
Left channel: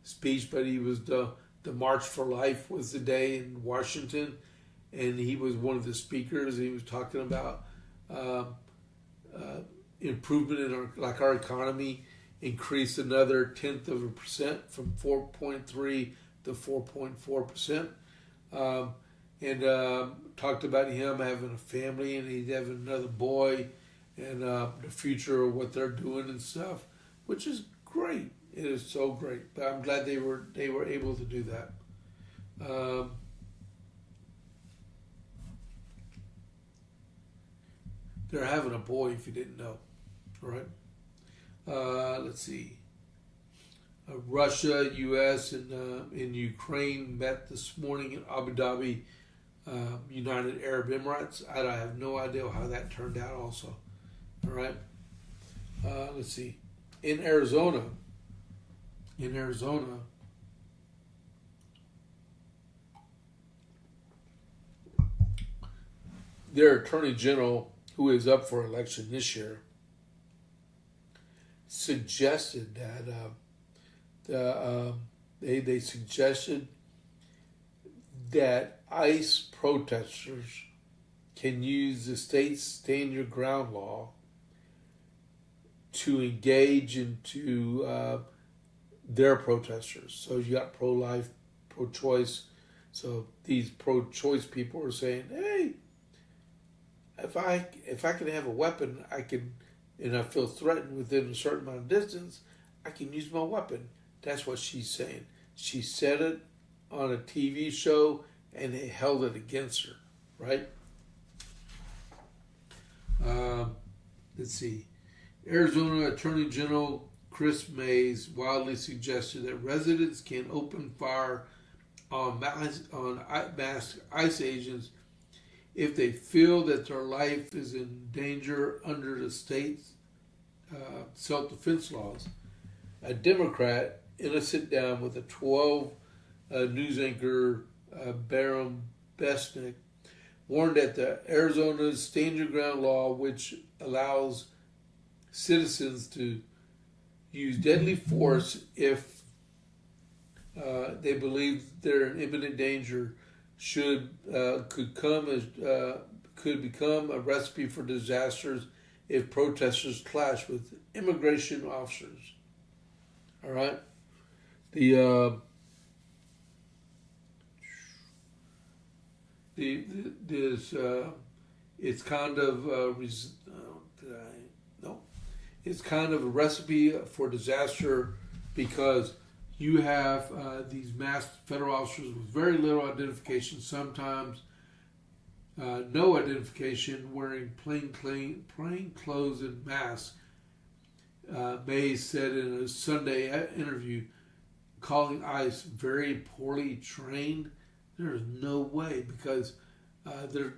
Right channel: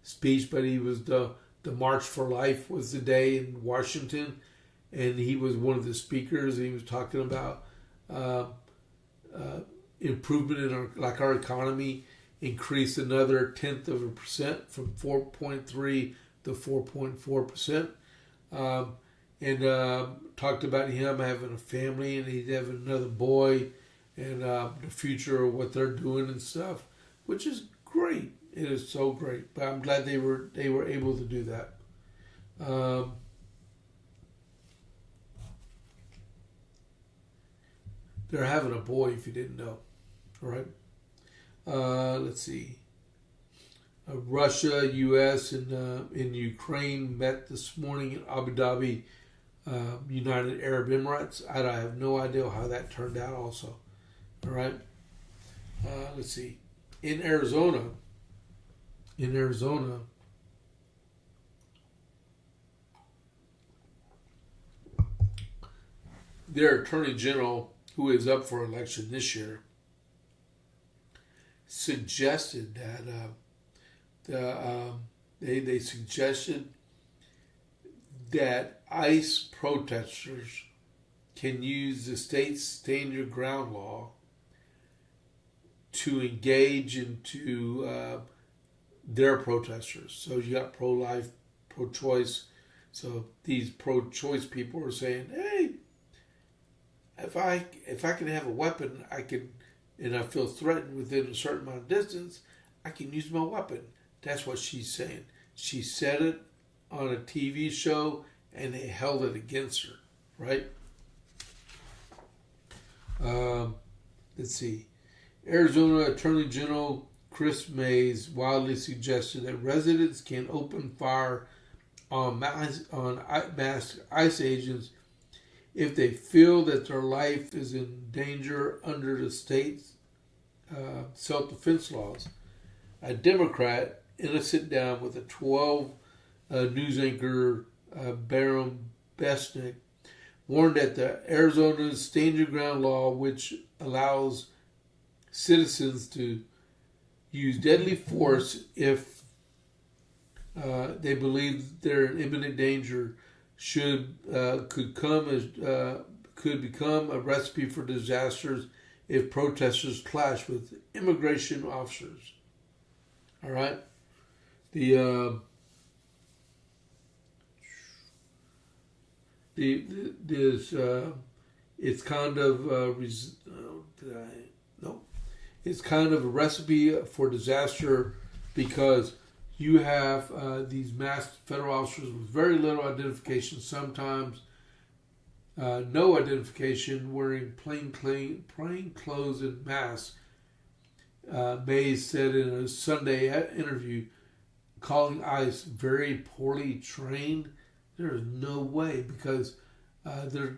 speech, but he was the March for Life was the day in Washington, and he was one of the speakers. And he was talking about improvement in our economy increased another 0.1% from 4.3 to 4.4%. And talked about him having a family and he's having another boy and the future of what they're doing and stuff, which is great. It is so great. But I'm glad they were able to do that. They're having a boy, if you didn't know. All right. Let's see. Russia, U.S., and Ukraine met this morning in Abu Dhabi, United Arab Emirates. I have no idea how that turned out also. All right. Let's see. In Arizona, their Attorney General, who is up for election this year, suggested that they suggested that ICE protesters can use the state's stand your ground law to engage into their protesters. So you got pro-life, pro-choice. So these pro-choice people are saying, hey, if I can have a weapon, I can, and I feel threatened within a certain amount of distance, I can use my weapon. That's what she's saying. She said it on a TV show, and they held it against her, right? Let's see. Arizona Attorney General Chris Mays wildly suggested that residents can open fire on masked ICE agents if they feel that their life is in danger under the state's self-defense laws. A Democrat, in a sit-down with a 12 news anchor, Baron Besnick, warned that the Arizona's Stand Your Ground law, which allows citizens to use deadly force if they believe they're in imminent danger, could become a recipe for disasters if protesters clash with immigration officers. All right, it's kind of it's kind of a recipe for disaster because you have these masked federal officers with very little identification, sometimes no identification, wearing plain clothes and masks. Mays said in a Sunday interview, calling ICE very poorly trained. There is no way, because they're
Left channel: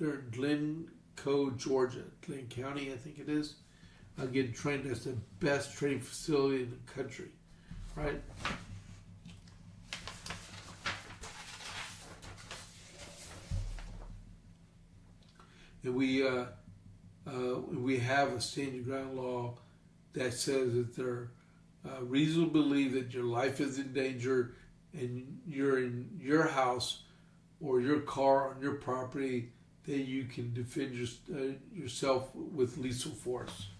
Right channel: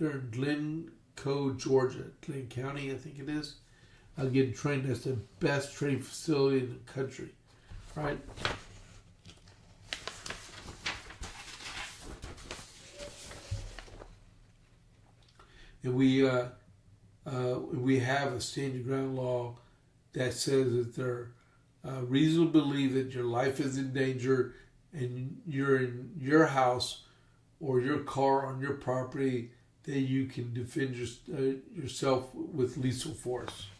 in Glencoe, Georgia, Glenn County, I think it is. Getting trained. That's the best training facility in the country, right? And we have a stand your ground law that says that there reason to believe that your life is in danger and you're in your house or your car on your property, that you can defend yourself with lethal force.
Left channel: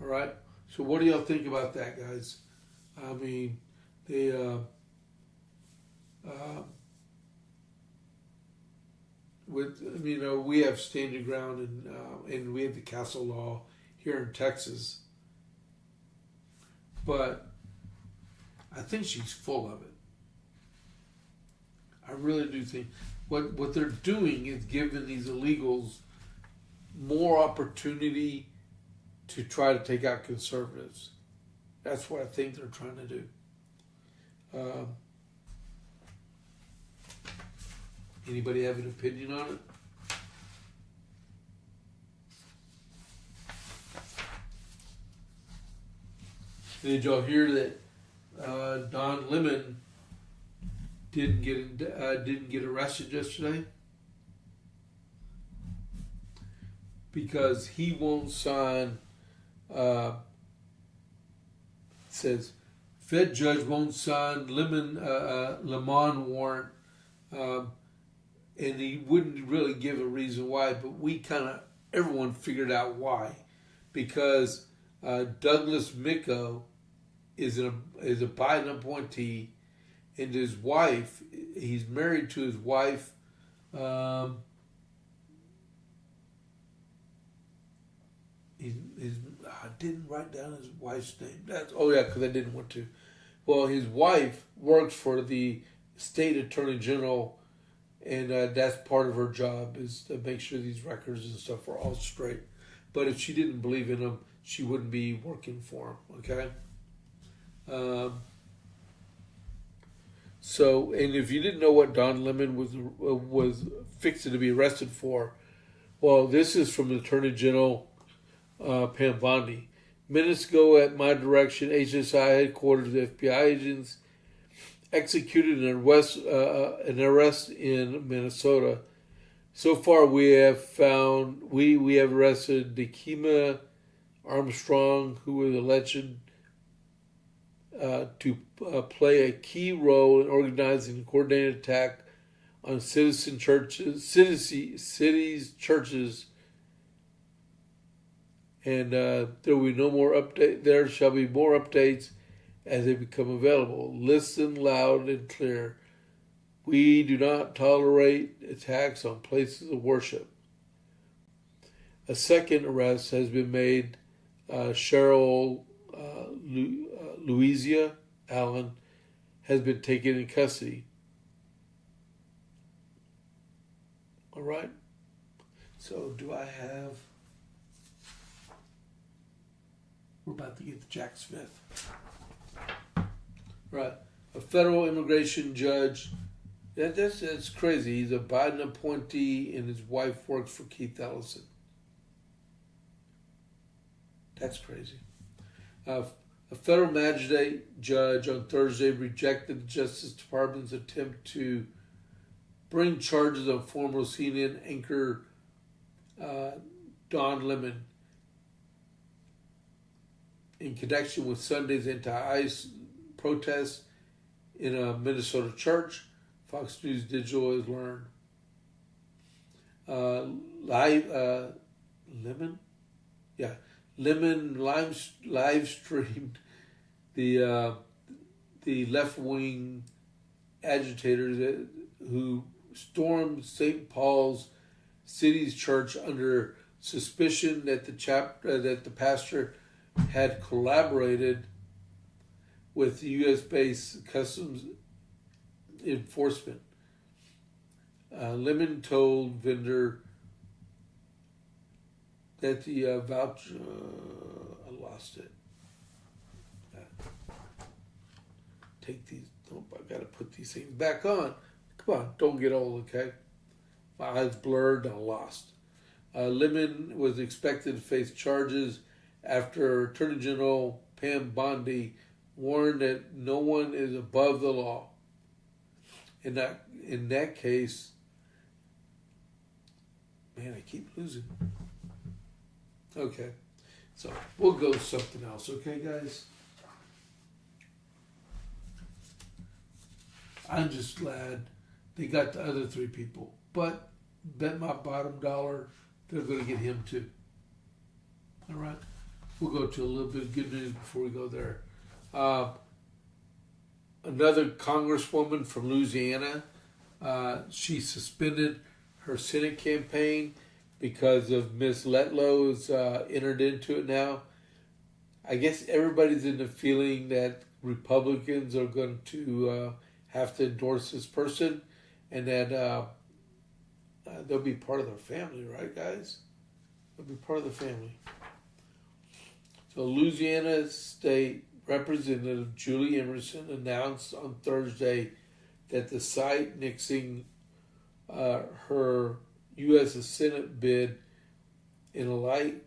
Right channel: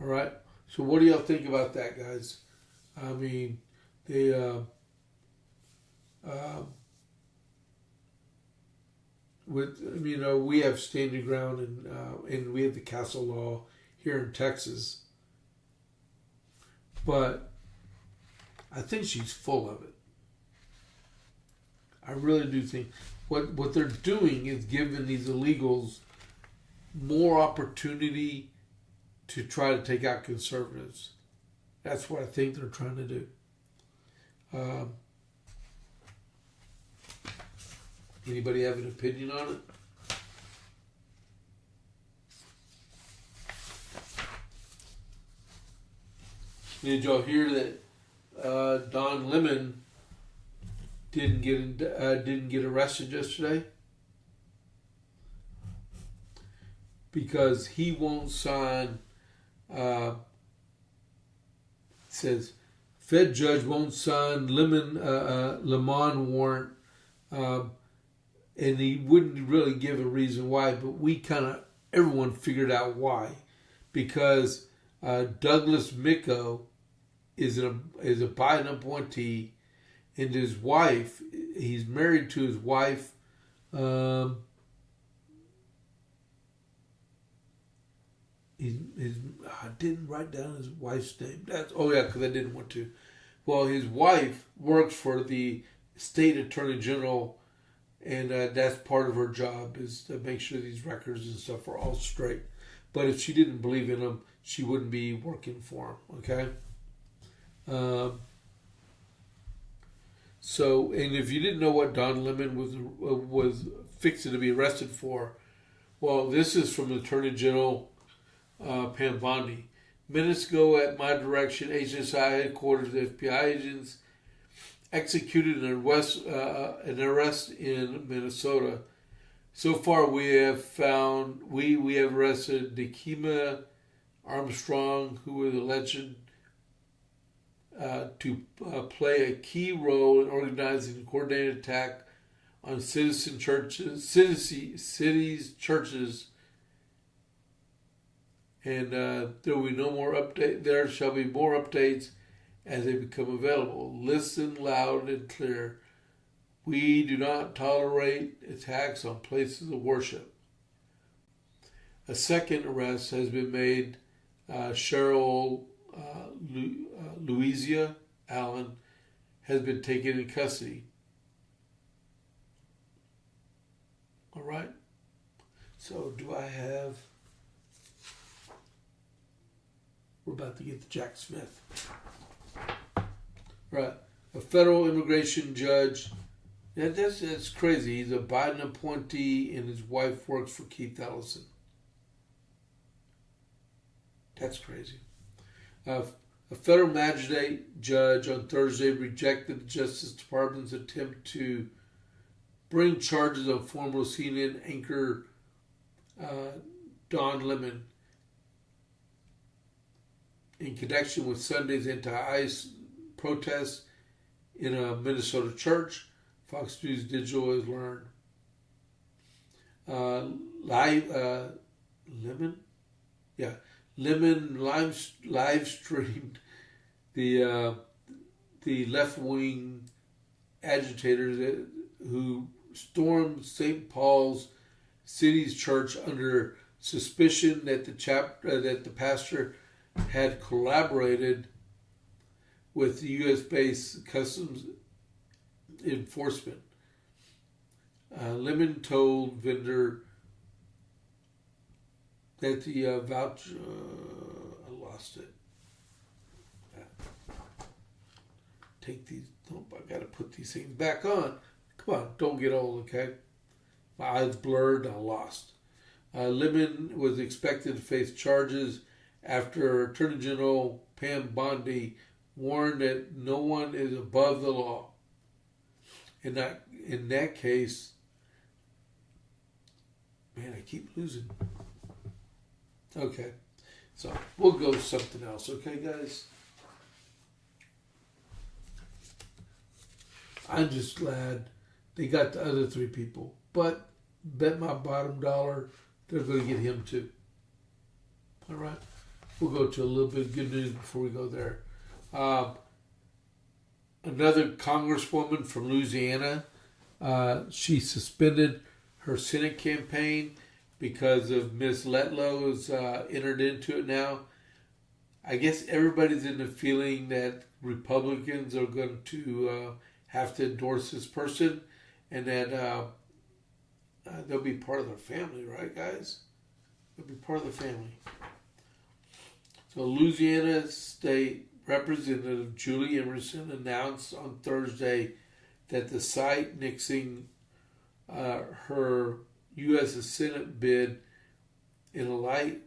All right. So what do y'all think about that, guys? I mean, we have stand your ground and we have the castle law here in Texas, but I think she's full of it. I really do think what they're doing is giving these illegals more opportunity to try to take out conservatives. That's what I think they're trying to do. Anybody have an opinion on it? Did y'all hear that Don Lemon didn't get arrested yesterday? Because he won't sign. Says Fed judge won't sign Lemon warrant, and he wouldn't really give a reason why. But we kind of everyone figured out why. Because Douglas Micko is a Biden appointee, and his wife, he's married to his wife. I didn't write down his wife's name. Because I didn't want to. Well, his wife works for the state attorney general, and that's part of her job, is to make sure these records and stuff are all straight. But if she didn't believe in him, she wouldn't be working for him. Okay. So, and if you didn't know what Don Lemon was fixing to be arrested for, well, this is from the Attorney General Pam Bondi. Minutes ago, at my direction, HSI headquarters, the FBI agents executed an arrest in Minnesota. So far, we have arrested Nikema Armstrong, who was alleged to play a key role in organizing a coordinated attack on cities churches. And there will be no more update. There shall be more updates as they become available. Listen loud and clear. We do not tolerate attacks on places of worship. A second arrest has been made. Cheryl Louisa Allen has been taken in custody. All right. So do I have... We're about to get to Jack Smith. Right. A federal immigration judge. That's crazy. He's a Biden appointee and his wife works for Keith Ellison. That's crazy. A federal magistrate judge on Thursday rejected the Justice Department's attempt to bring charges on former CNN anchor Don Lemon in connection with Sunday's anti-ICE protests in a Minnesota church, Fox News Digital has learned. Lemon live streamed the left-wing agitators who stormed St. Paul's City's church under suspicion that the pastor had collaborated with the U.S.-based Customs Enforcement. Lemon told vendor that the voucher... I lost it. Take these... Nope, I got to put these things back on. Come on, don't get old, okay? My eyes blurred and I lost. Lemon was expected to face charges after Attorney General Pam Bondi warned that no one is above the law. In that case, man, I keep losing. Okay, so we'll go with something else, okay, guys? I'm just glad they got the other three people, but bet my bottom dollar they're going to get him too. All right, we'll go to a little bit of good news before we go there. Another congresswoman from Louisiana, she suspended her Senate campaign because of Ms. Letlow entered into it now. I guess everybody's in the feeling that Republicans are going to have to endorse this person, and that they'll be part of their family, right, guys? They'll be part of the family. So Louisiana State Representative Julie Emerson announced on Thursday that the site nixing her U.S. Senate bid in a light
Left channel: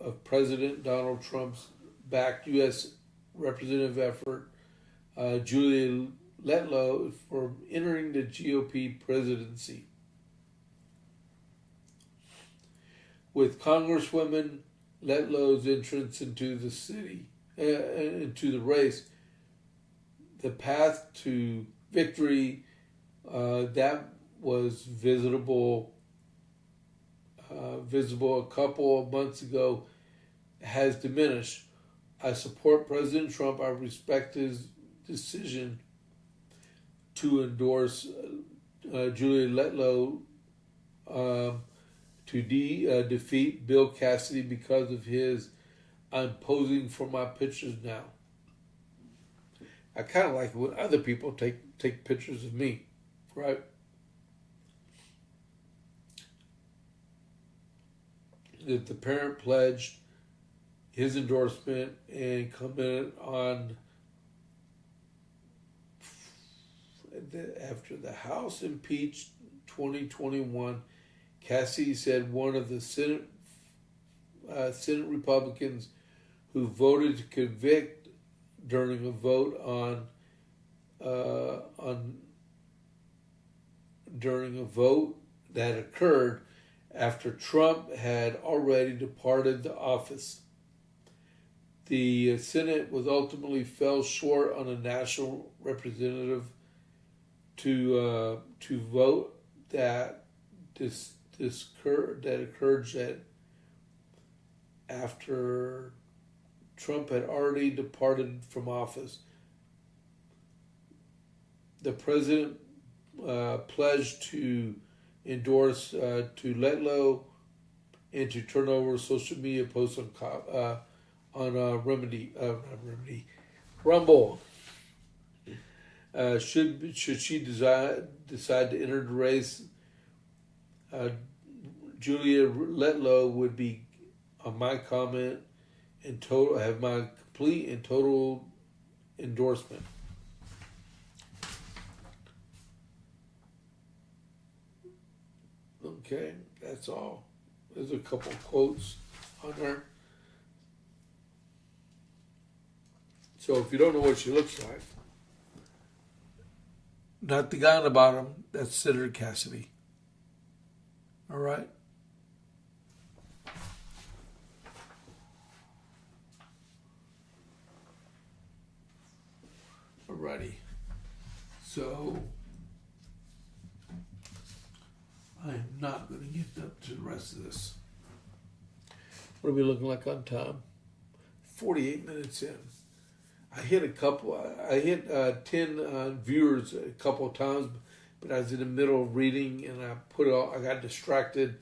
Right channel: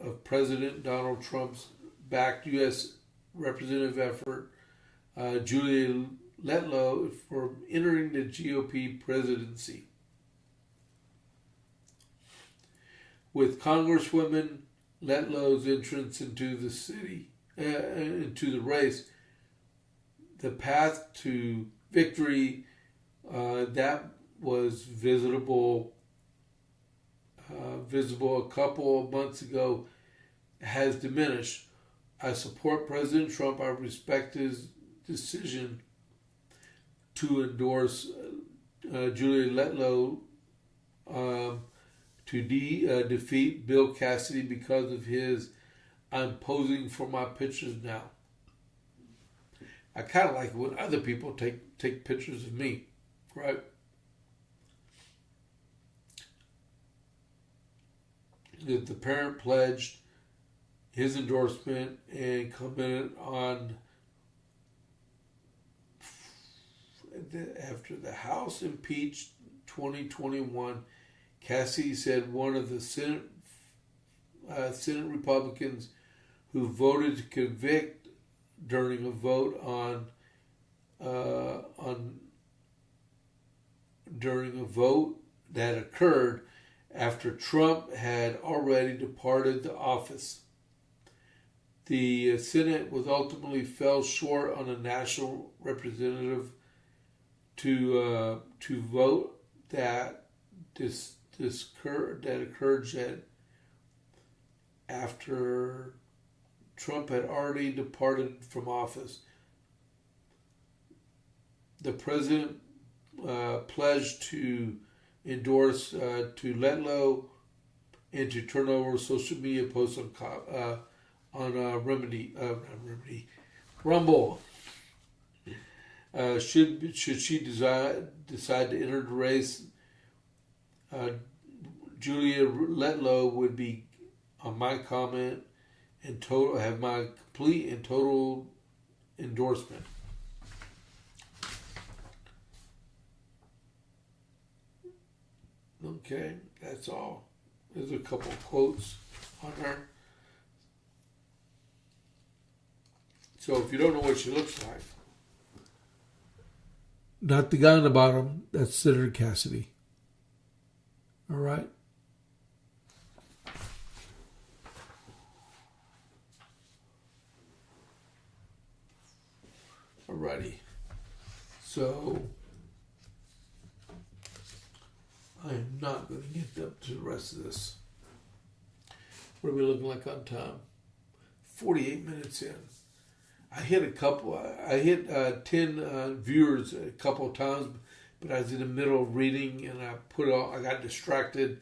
of President Donald Trump's backed U.S. representative effort, Julie Letlow, for entering the GOP presidency. With Congresswoman Letlow's entrance into the race, the path to victory that was visible visible a couple of months ago has diminished. I support President Trump. I respect his decision to endorse Julia Letlow to defeat Bill Cassidy because of his "I'm posing for my pictures now." I kind of like it when other people take pictures of me, right? That the parent pledged his endorsement and commented on after the House impeached 2021. Cassidy said one of the Senate Republicans who voted to convict during a vote during a vote that occurred after Trump had already departed the office. The Senate was ultimately fell short on a national representative to vote that occurred after Trump had already departed from office. The president pledged to endorse to Letlow and to turn over social media posts on Rumble. Should she decide to enter the race, Julia Letlow would be on my comment and have my complete and total endorsement. Okay, that's all. There's a couple of quotes on there. So if you don't know what she looks like, not the guy on the bottom, that's Senator Cassidy. All right. Alrighty. So I am not going to get up to the rest of this. What are we looking like on time? 48 minutes in. I hit 10 viewers a couple of times, but I was in the middle of reading and I got distracted,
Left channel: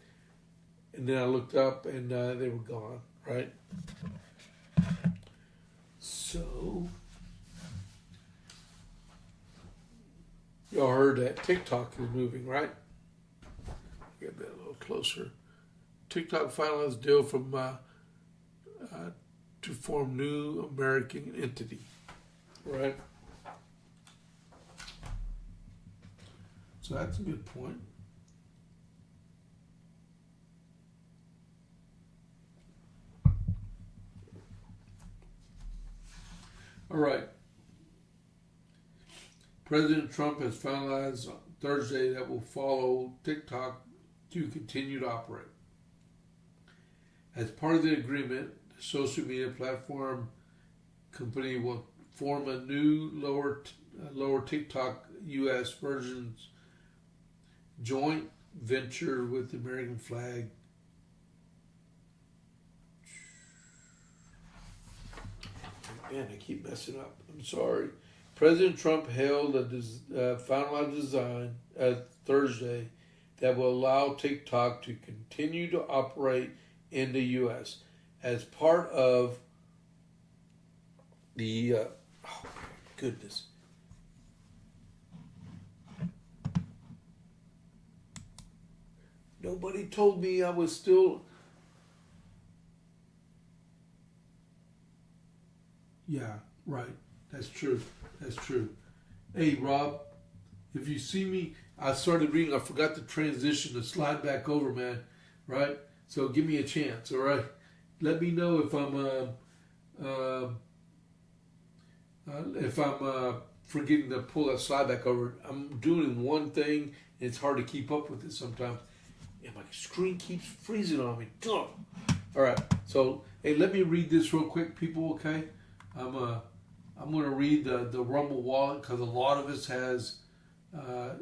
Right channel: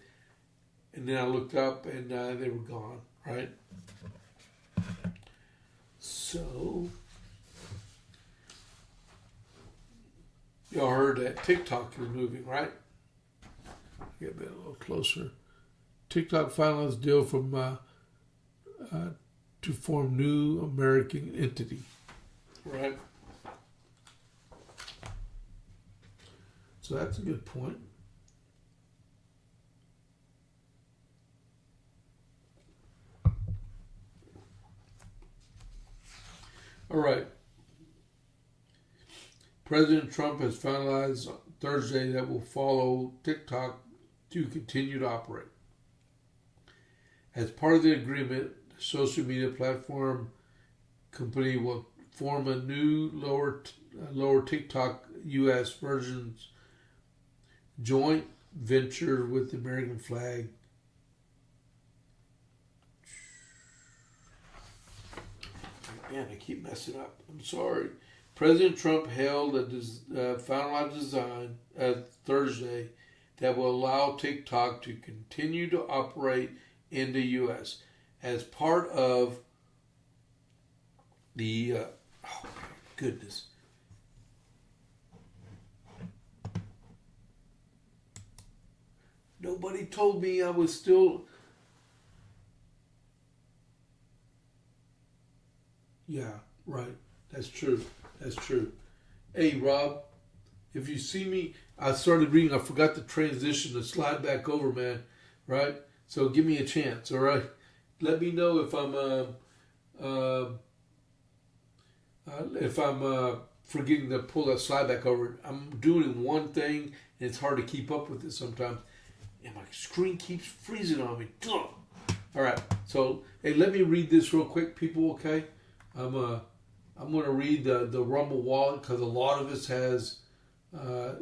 and then I looked up and they were gone, right? So, y'all heard that TikTok is moving, right? Get that a little closer. TikTok finalized deal from to form new American entity, right? So that's a good point. All right. President Trump has finalized Thursday that will follow TikTok to continue to operate. As part of the agreement, the social media platform company will form a new lower TikTok U.S. versions joint venture with the American flag. Man, I keep messing up. I'm sorry. President Trump held a finalized design Thursday that will allow TikTok to continue to operate in the U.S. as part of the oh my goodness. Nobody told me I was still. Yeah, right. That's true. That's true. Hey, Rob, if you see me, I started reading. I forgot to transition to slide back over, man. Right? So give me a chance, all right? Let me know if I'm forgetting to pull that slide back over. I'm doing one thing, and it's hard to keep up with it sometimes. And my screen keeps freezing on me. Ugh. All right. So, hey, let me read this real quick, people, okay? I'm going to read the Rumble wallet because a lot of us has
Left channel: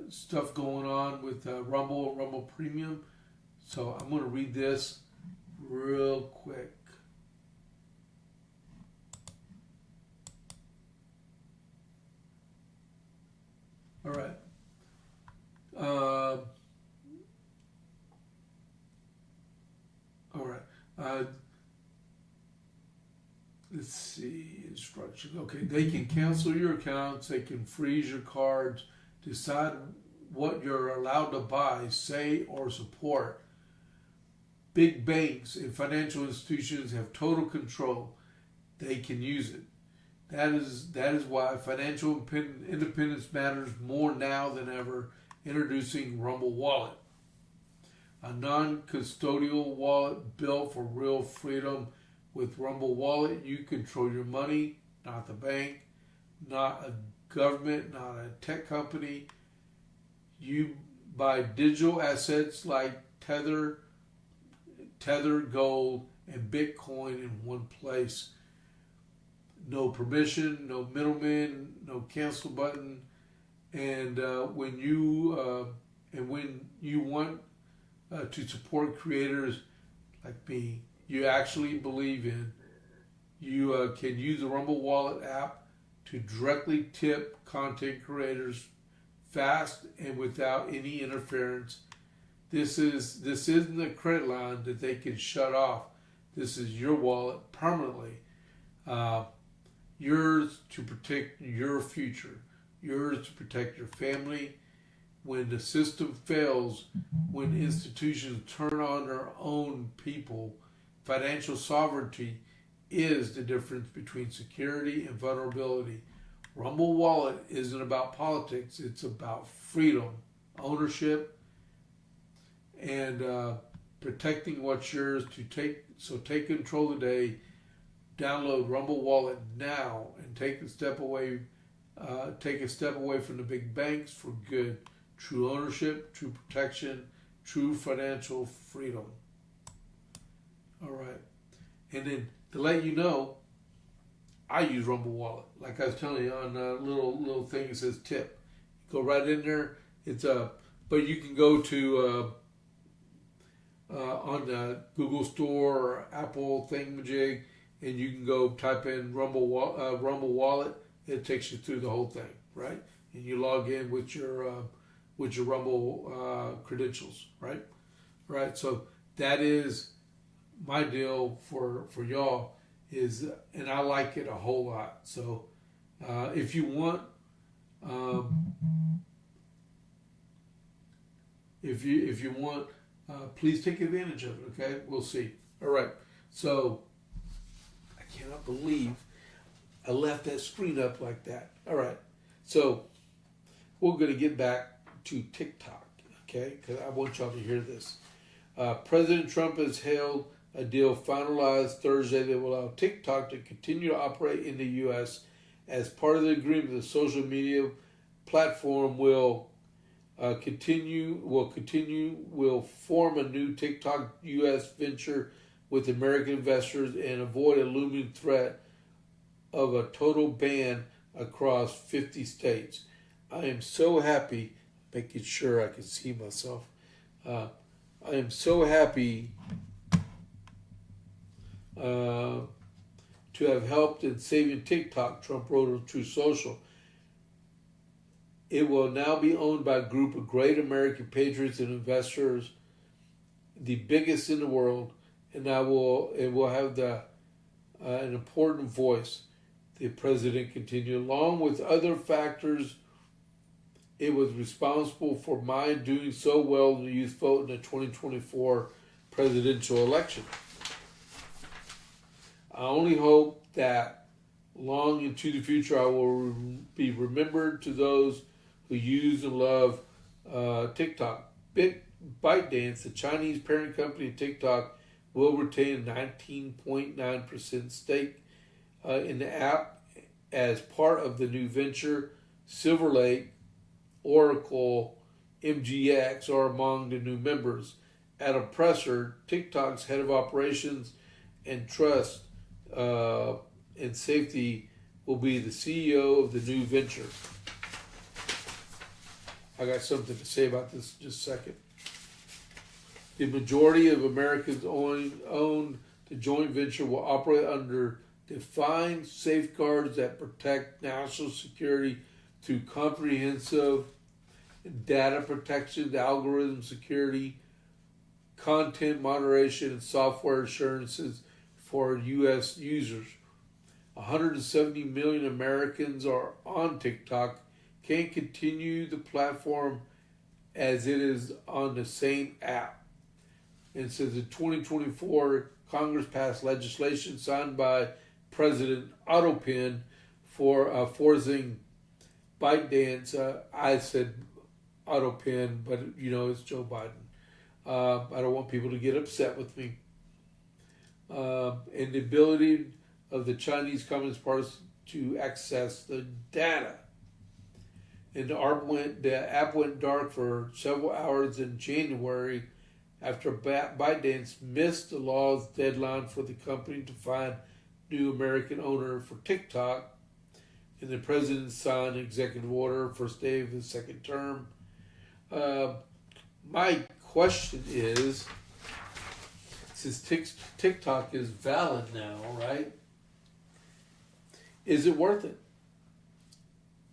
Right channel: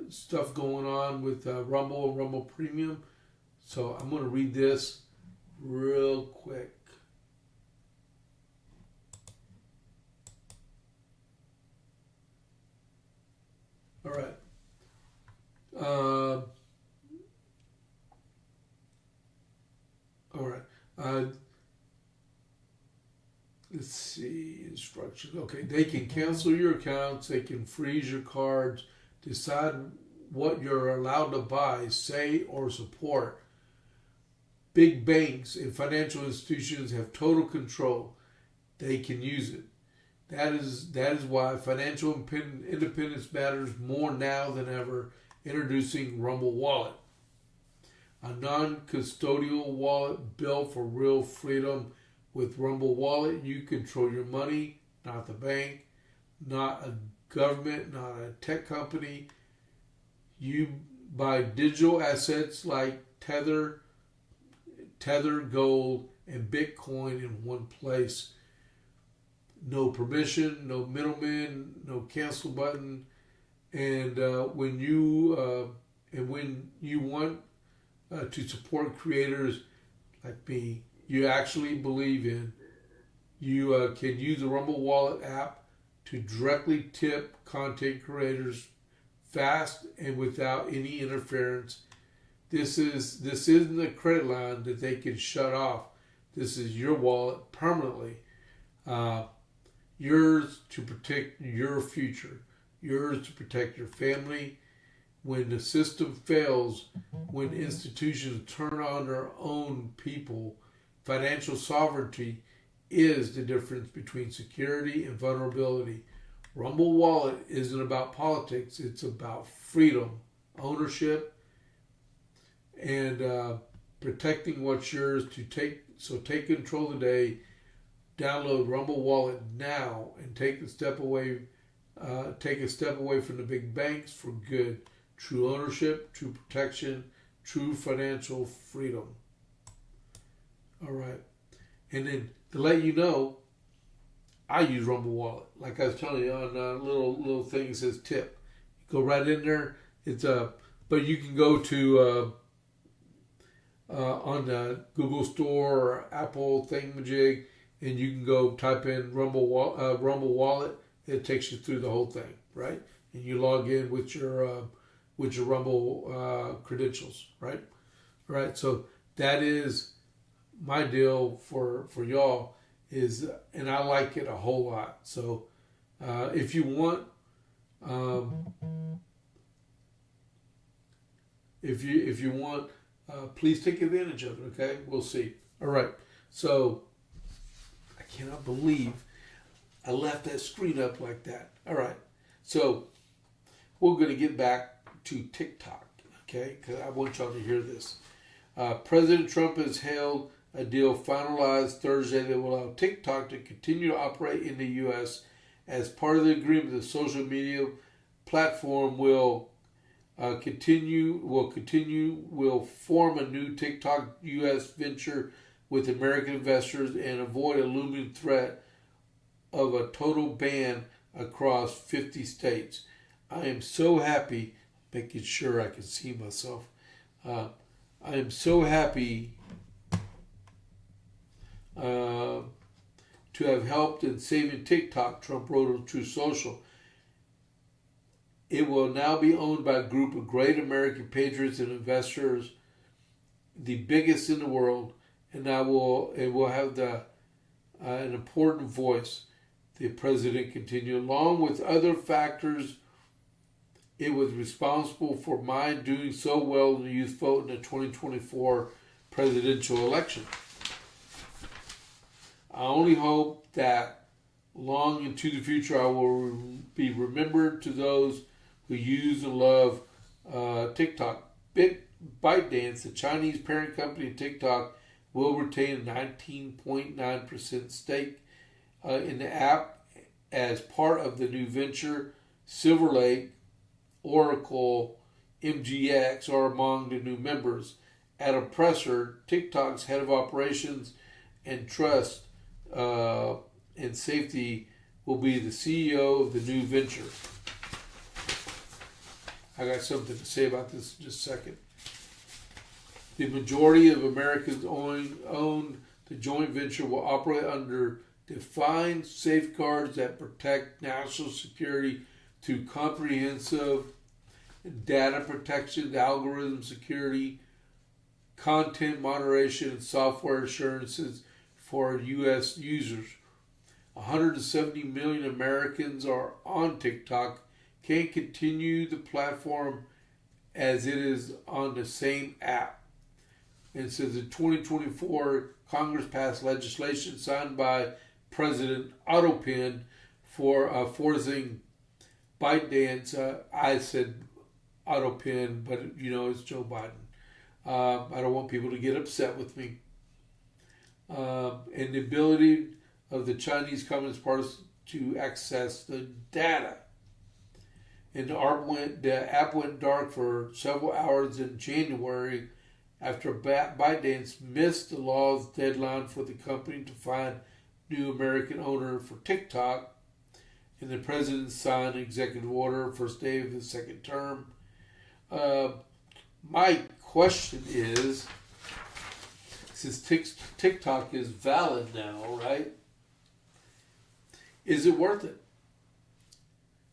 stuff going on with Rumble and Rumble Premium. So I'm going to read this real quick. All right. All right. Let's see. Instructions. Okay. They can cancel your accounts. They can freeze your cards. Decide what you're allowed to buy, say, or support. Big banks and financial institutions have total control. They can use it. That is why financial independence matters more now than ever. Introducing Rumble Wallet, a non-custodial wallet built for real freedom. With Rumble Wallet, you control your money, not the bank, not a government, not a tech company. You buy digital assets like Tether, Gold, and Bitcoin in one place. No permission, no middleman, no cancel button, and when you want to support creators like me, you actually believe in, you can use the Rumble Wallet app to directly tip content creators fast and without any interference. This isn't a credit line that they can shut off. This is your wallet permanently. Yours to protect your future. Yours to protect your family. When the system fails, when institutions turn on their own people, financial sovereignty is the difference between security and vulnerability. Rumble Wallet isn't about politics. It's about freedom, ownership, and protecting what's yours. Take control today. Download Rumble Wallet now and take a step away from the big banks for good. True ownership, true protection, true financial freedom. All right. And then to let you know, I use Rumble Wallet. Like I was telling you on a little thing that says tip. You go right in there. But you can go to on the Google Store or Apple thingamajig, and you can go type in Rumble Wallet. It takes you through the whole thing, right? And you log in with your Rumble credentials, right? All right. So that is my deal for y'all is, and I like it a whole lot. So if you want, if you want, please take advantage of it. Okay, we'll see. All right. So I cannot believe I left that screen up like that. All right. So we're going to get back to TikTok, okay? Because I want y'all to hear this. President Trump has held a deal finalized Thursday that will allow TikTok to continue to operate in the U.S. As part of the agreement, the social media platform will form a new TikTok U.S. venture with American investors and avoid a looming threat of a total ban across 50 states. I am so happy, making sure I can see myself. I am so happy to have helped in saving TikTok, Trump wrote on Truth Social. It will now be owned by a group of great American patriots and investors, the biggest in the world, and it will have an important voice. The president continued, along with other factors. It was responsible for my doing so well in the youth vote in the 2024 presidential election. I only hope that long into the future I will be remembered to those who use and love TikTok. ByteDance, the Chinese parent company of TikTok, will retain a 19.9% stake in the app as part of the new venture. Silver Lake, Oracle, MGX are among the new members. Adam Presser, TikTok's head of operations and trust and safety, will be the CEO of the new venture. I got something to say about this in just a second. The majority of Americans own the joint venture will operate under defined safeguards that protect national security through comprehensive data protection, algorithm security, content moderation, and software assurances for U.S. users. 170 million Americans are on TikTok, can't continue the platform as it is on the same app. And it says in 2024, Congress passed legislation signed by President Autopin for forcing ByteDance. I said Autopin, but it's Joe Biden. I don't want people to get upset with me. And the ability of the Chinese Communist Party to access the data. And the app went dark for several hours in January after ByteDance missed the law's deadline for the company to find new American owner for TikTok. And the president signed an executive order first day of the second term. My question is, since TikTok is valid now, right? Is it worth it?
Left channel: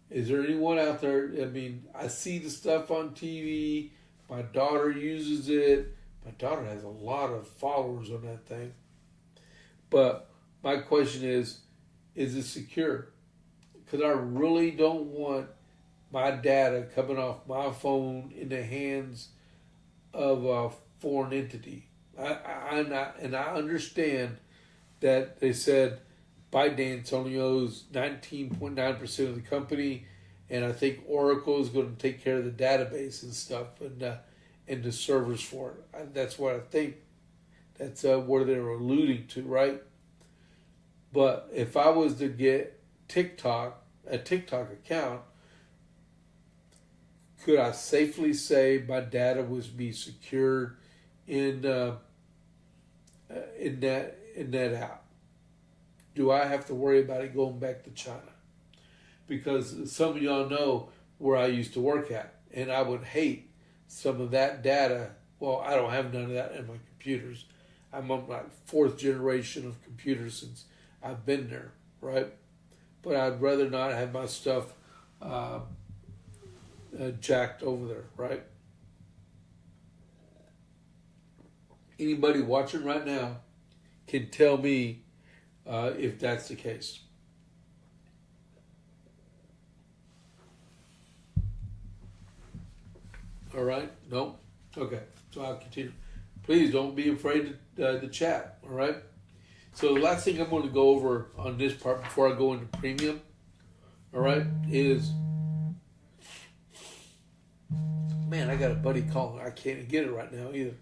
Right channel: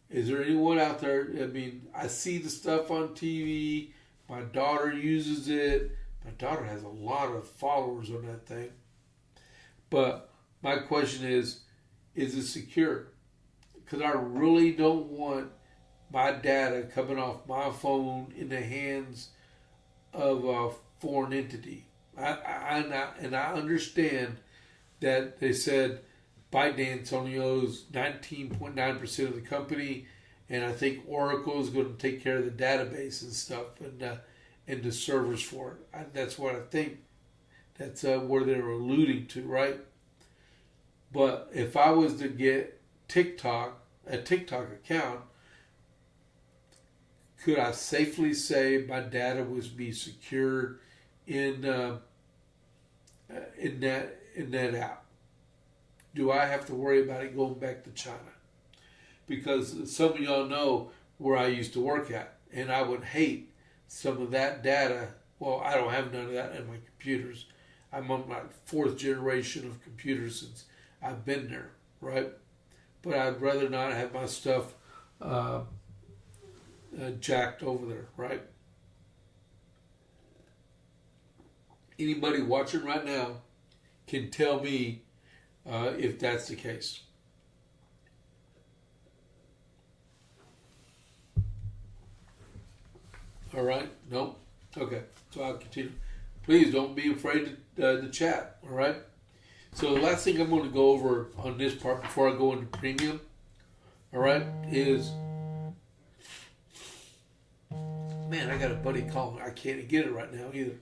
Is there anyone out there? I mean, I see the stuff on TV. My daughter uses it. My daughter has a lot of followers on that thing. But my question is it secure? Because I really don't want my data coming off my phone in the hands of a foreign entity. I understand that they said ByteDance only owns 19.9% of the company, and I think Oracle is going to take care of the database and stuff and the servers for it. That's what I think. That's where they were alluding to, right? But if I was to get a TikTok account, could I safely say my data was be secured in that app? Do I have to worry about it going back to China? Because some of y'all know where I used to work at, and I would hate some of that data. Well, I don't have none of that in my computers. I'm on my fourth generation of computers since I've been there, right? But I'd rather not have my stuff jacked over there, right? Anybody watching right now can tell me if that's the case. All right? No? Okay. So I'll continue. Please don't be afraid to chat. All right? So the last thing I'm going to go over on this part before I go into premium, all right, is, man, I got a buddy calling. I can't get it right now either.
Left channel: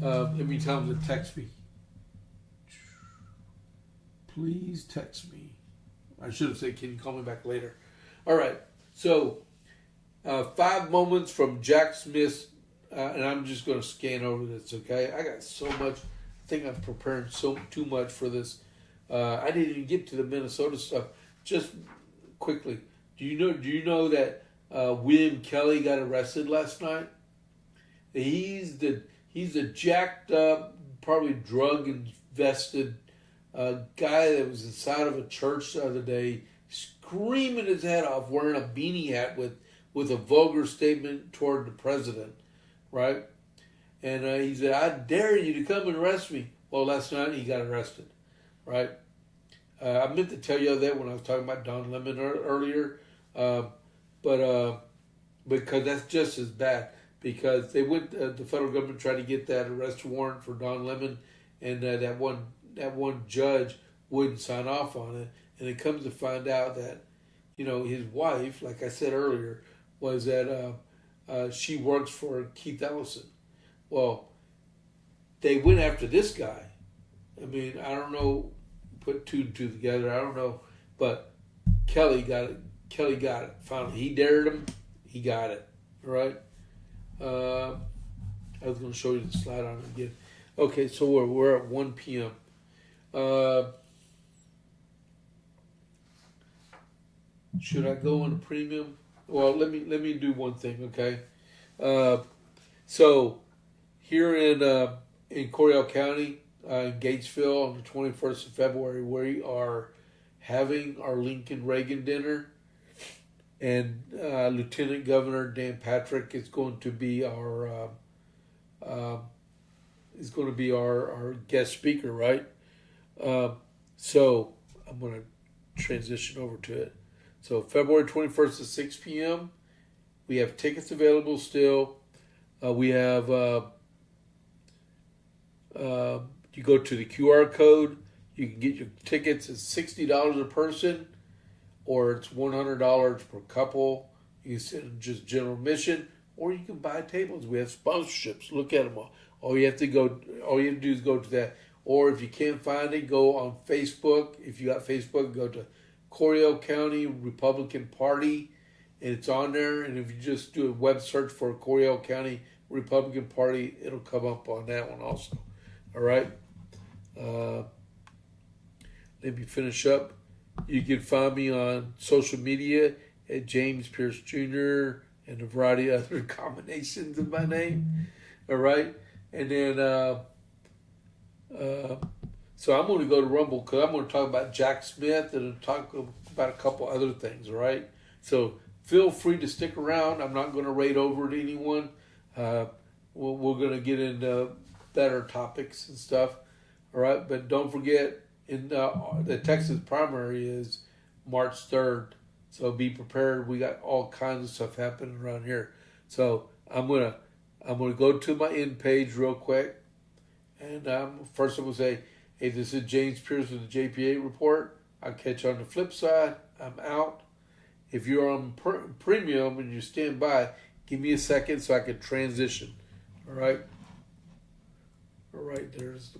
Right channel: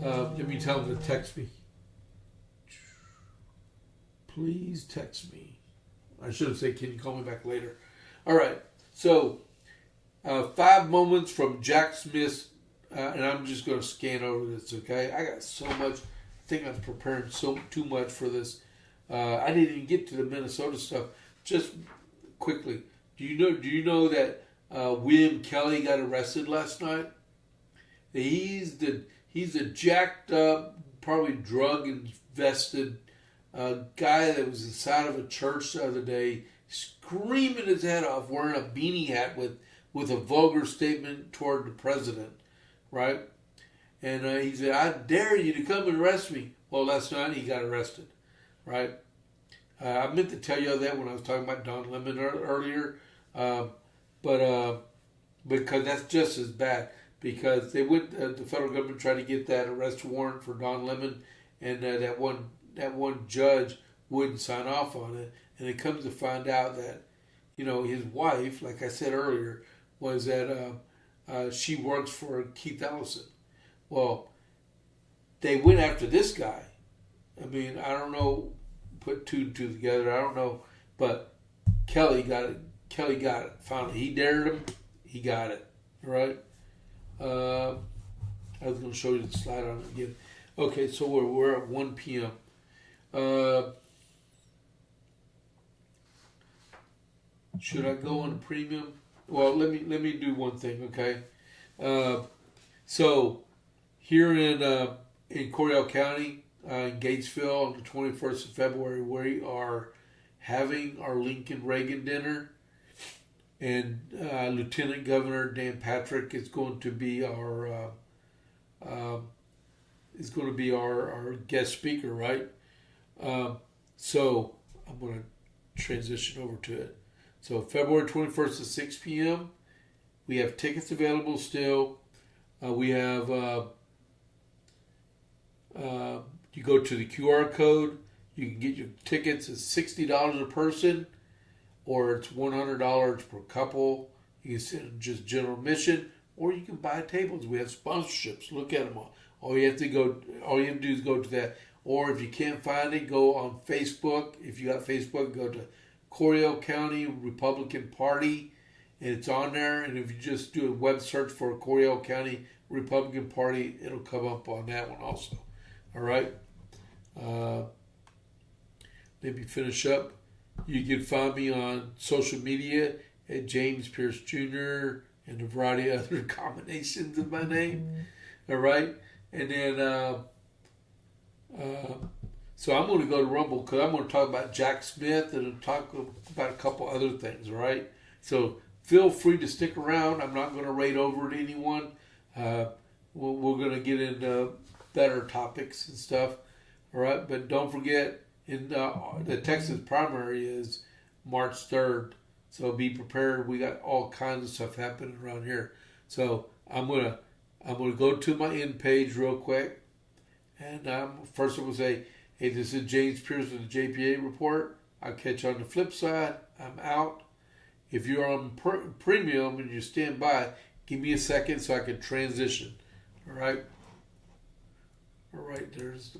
Let me tell him to text me. Please text me. I should have said, can you call me back later? All right. So 5 moments from Jack Smith, and I'm just going to scan over this, okay? I got so much. I think I'm preparing too much for this. I didn't even get to the Minnesota stuff. Just quickly, do you know that William Kelly got arrested last night? He's the jacked up, probably drug invested guy that was inside of a church the other day, screaming his head off, wearing a beanie hat with a vulgar statement toward the president, right? And he said, "I dare you to come and arrest me." Well, last night he got arrested, right? I meant to tell you all that when I was talking about Don Lemon earlier, but because that's just as bad. Because they went, the federal government tried to get that arrest warrant for Don Lemon, and that one judge wouldn't sign off on it. And it comes to find out that, his wife, like I said earlier, was that she works for Keith Ellison. Well, they went after this guy. I mean, I don't know, put two and two together, I don't know, but Kelly got it. Finally, he dared him, he got it, right? I was going to show you the slide on it again. Okay, so we're at 1 p.m. Should I go on a premium? Well, let me do one thing, okay? So here in Coryell County, in Gatesville, on the 21st of February, we are having our Lincoln Reagan dinner, and Lieutenant Governor Dan Patrick is going to be our guest speaker, right? So I'm going to transition over to it. So February 21st at 6 p.m. We have tickets available still. We have you go to the QR code. You can get your tickets. It's $60 a person, or it's $100 per couple. You can sit in just general admission, or you can buy tables. We have sponsorships. Look at them all. All you have to do is go to that. Or if you can't find it, go on Facebook. If you got Facebook, go to Coryell County Republican Party, and it's on there. And if you just do a web search for Coryell County Republican Party, it'll come up on that one also. All right. Let me finish up. You can find me on social media at James Pierce Jr. and a variety of other combinations of my name. All right. And then, so I'm going to go to Rumble because I'm going to talk about Jack Smith and talk about a couple other things. All right. So feel free to stick around. I'm not going to raid over at anyone. We're going to get into better topics and stuff. All right. But don't forget, the Texas primary is March 3rd. So be prepared. We got all kinds of stuff happening around here. So I'm gonna go to my end page real quick. And first I'm going to say, hey, this is James Pierce with the JP8 report. I'll catch you on the flip side. I'm out. If you're on premium and you stand by, give me a second so I can transition. All right. All right. There's the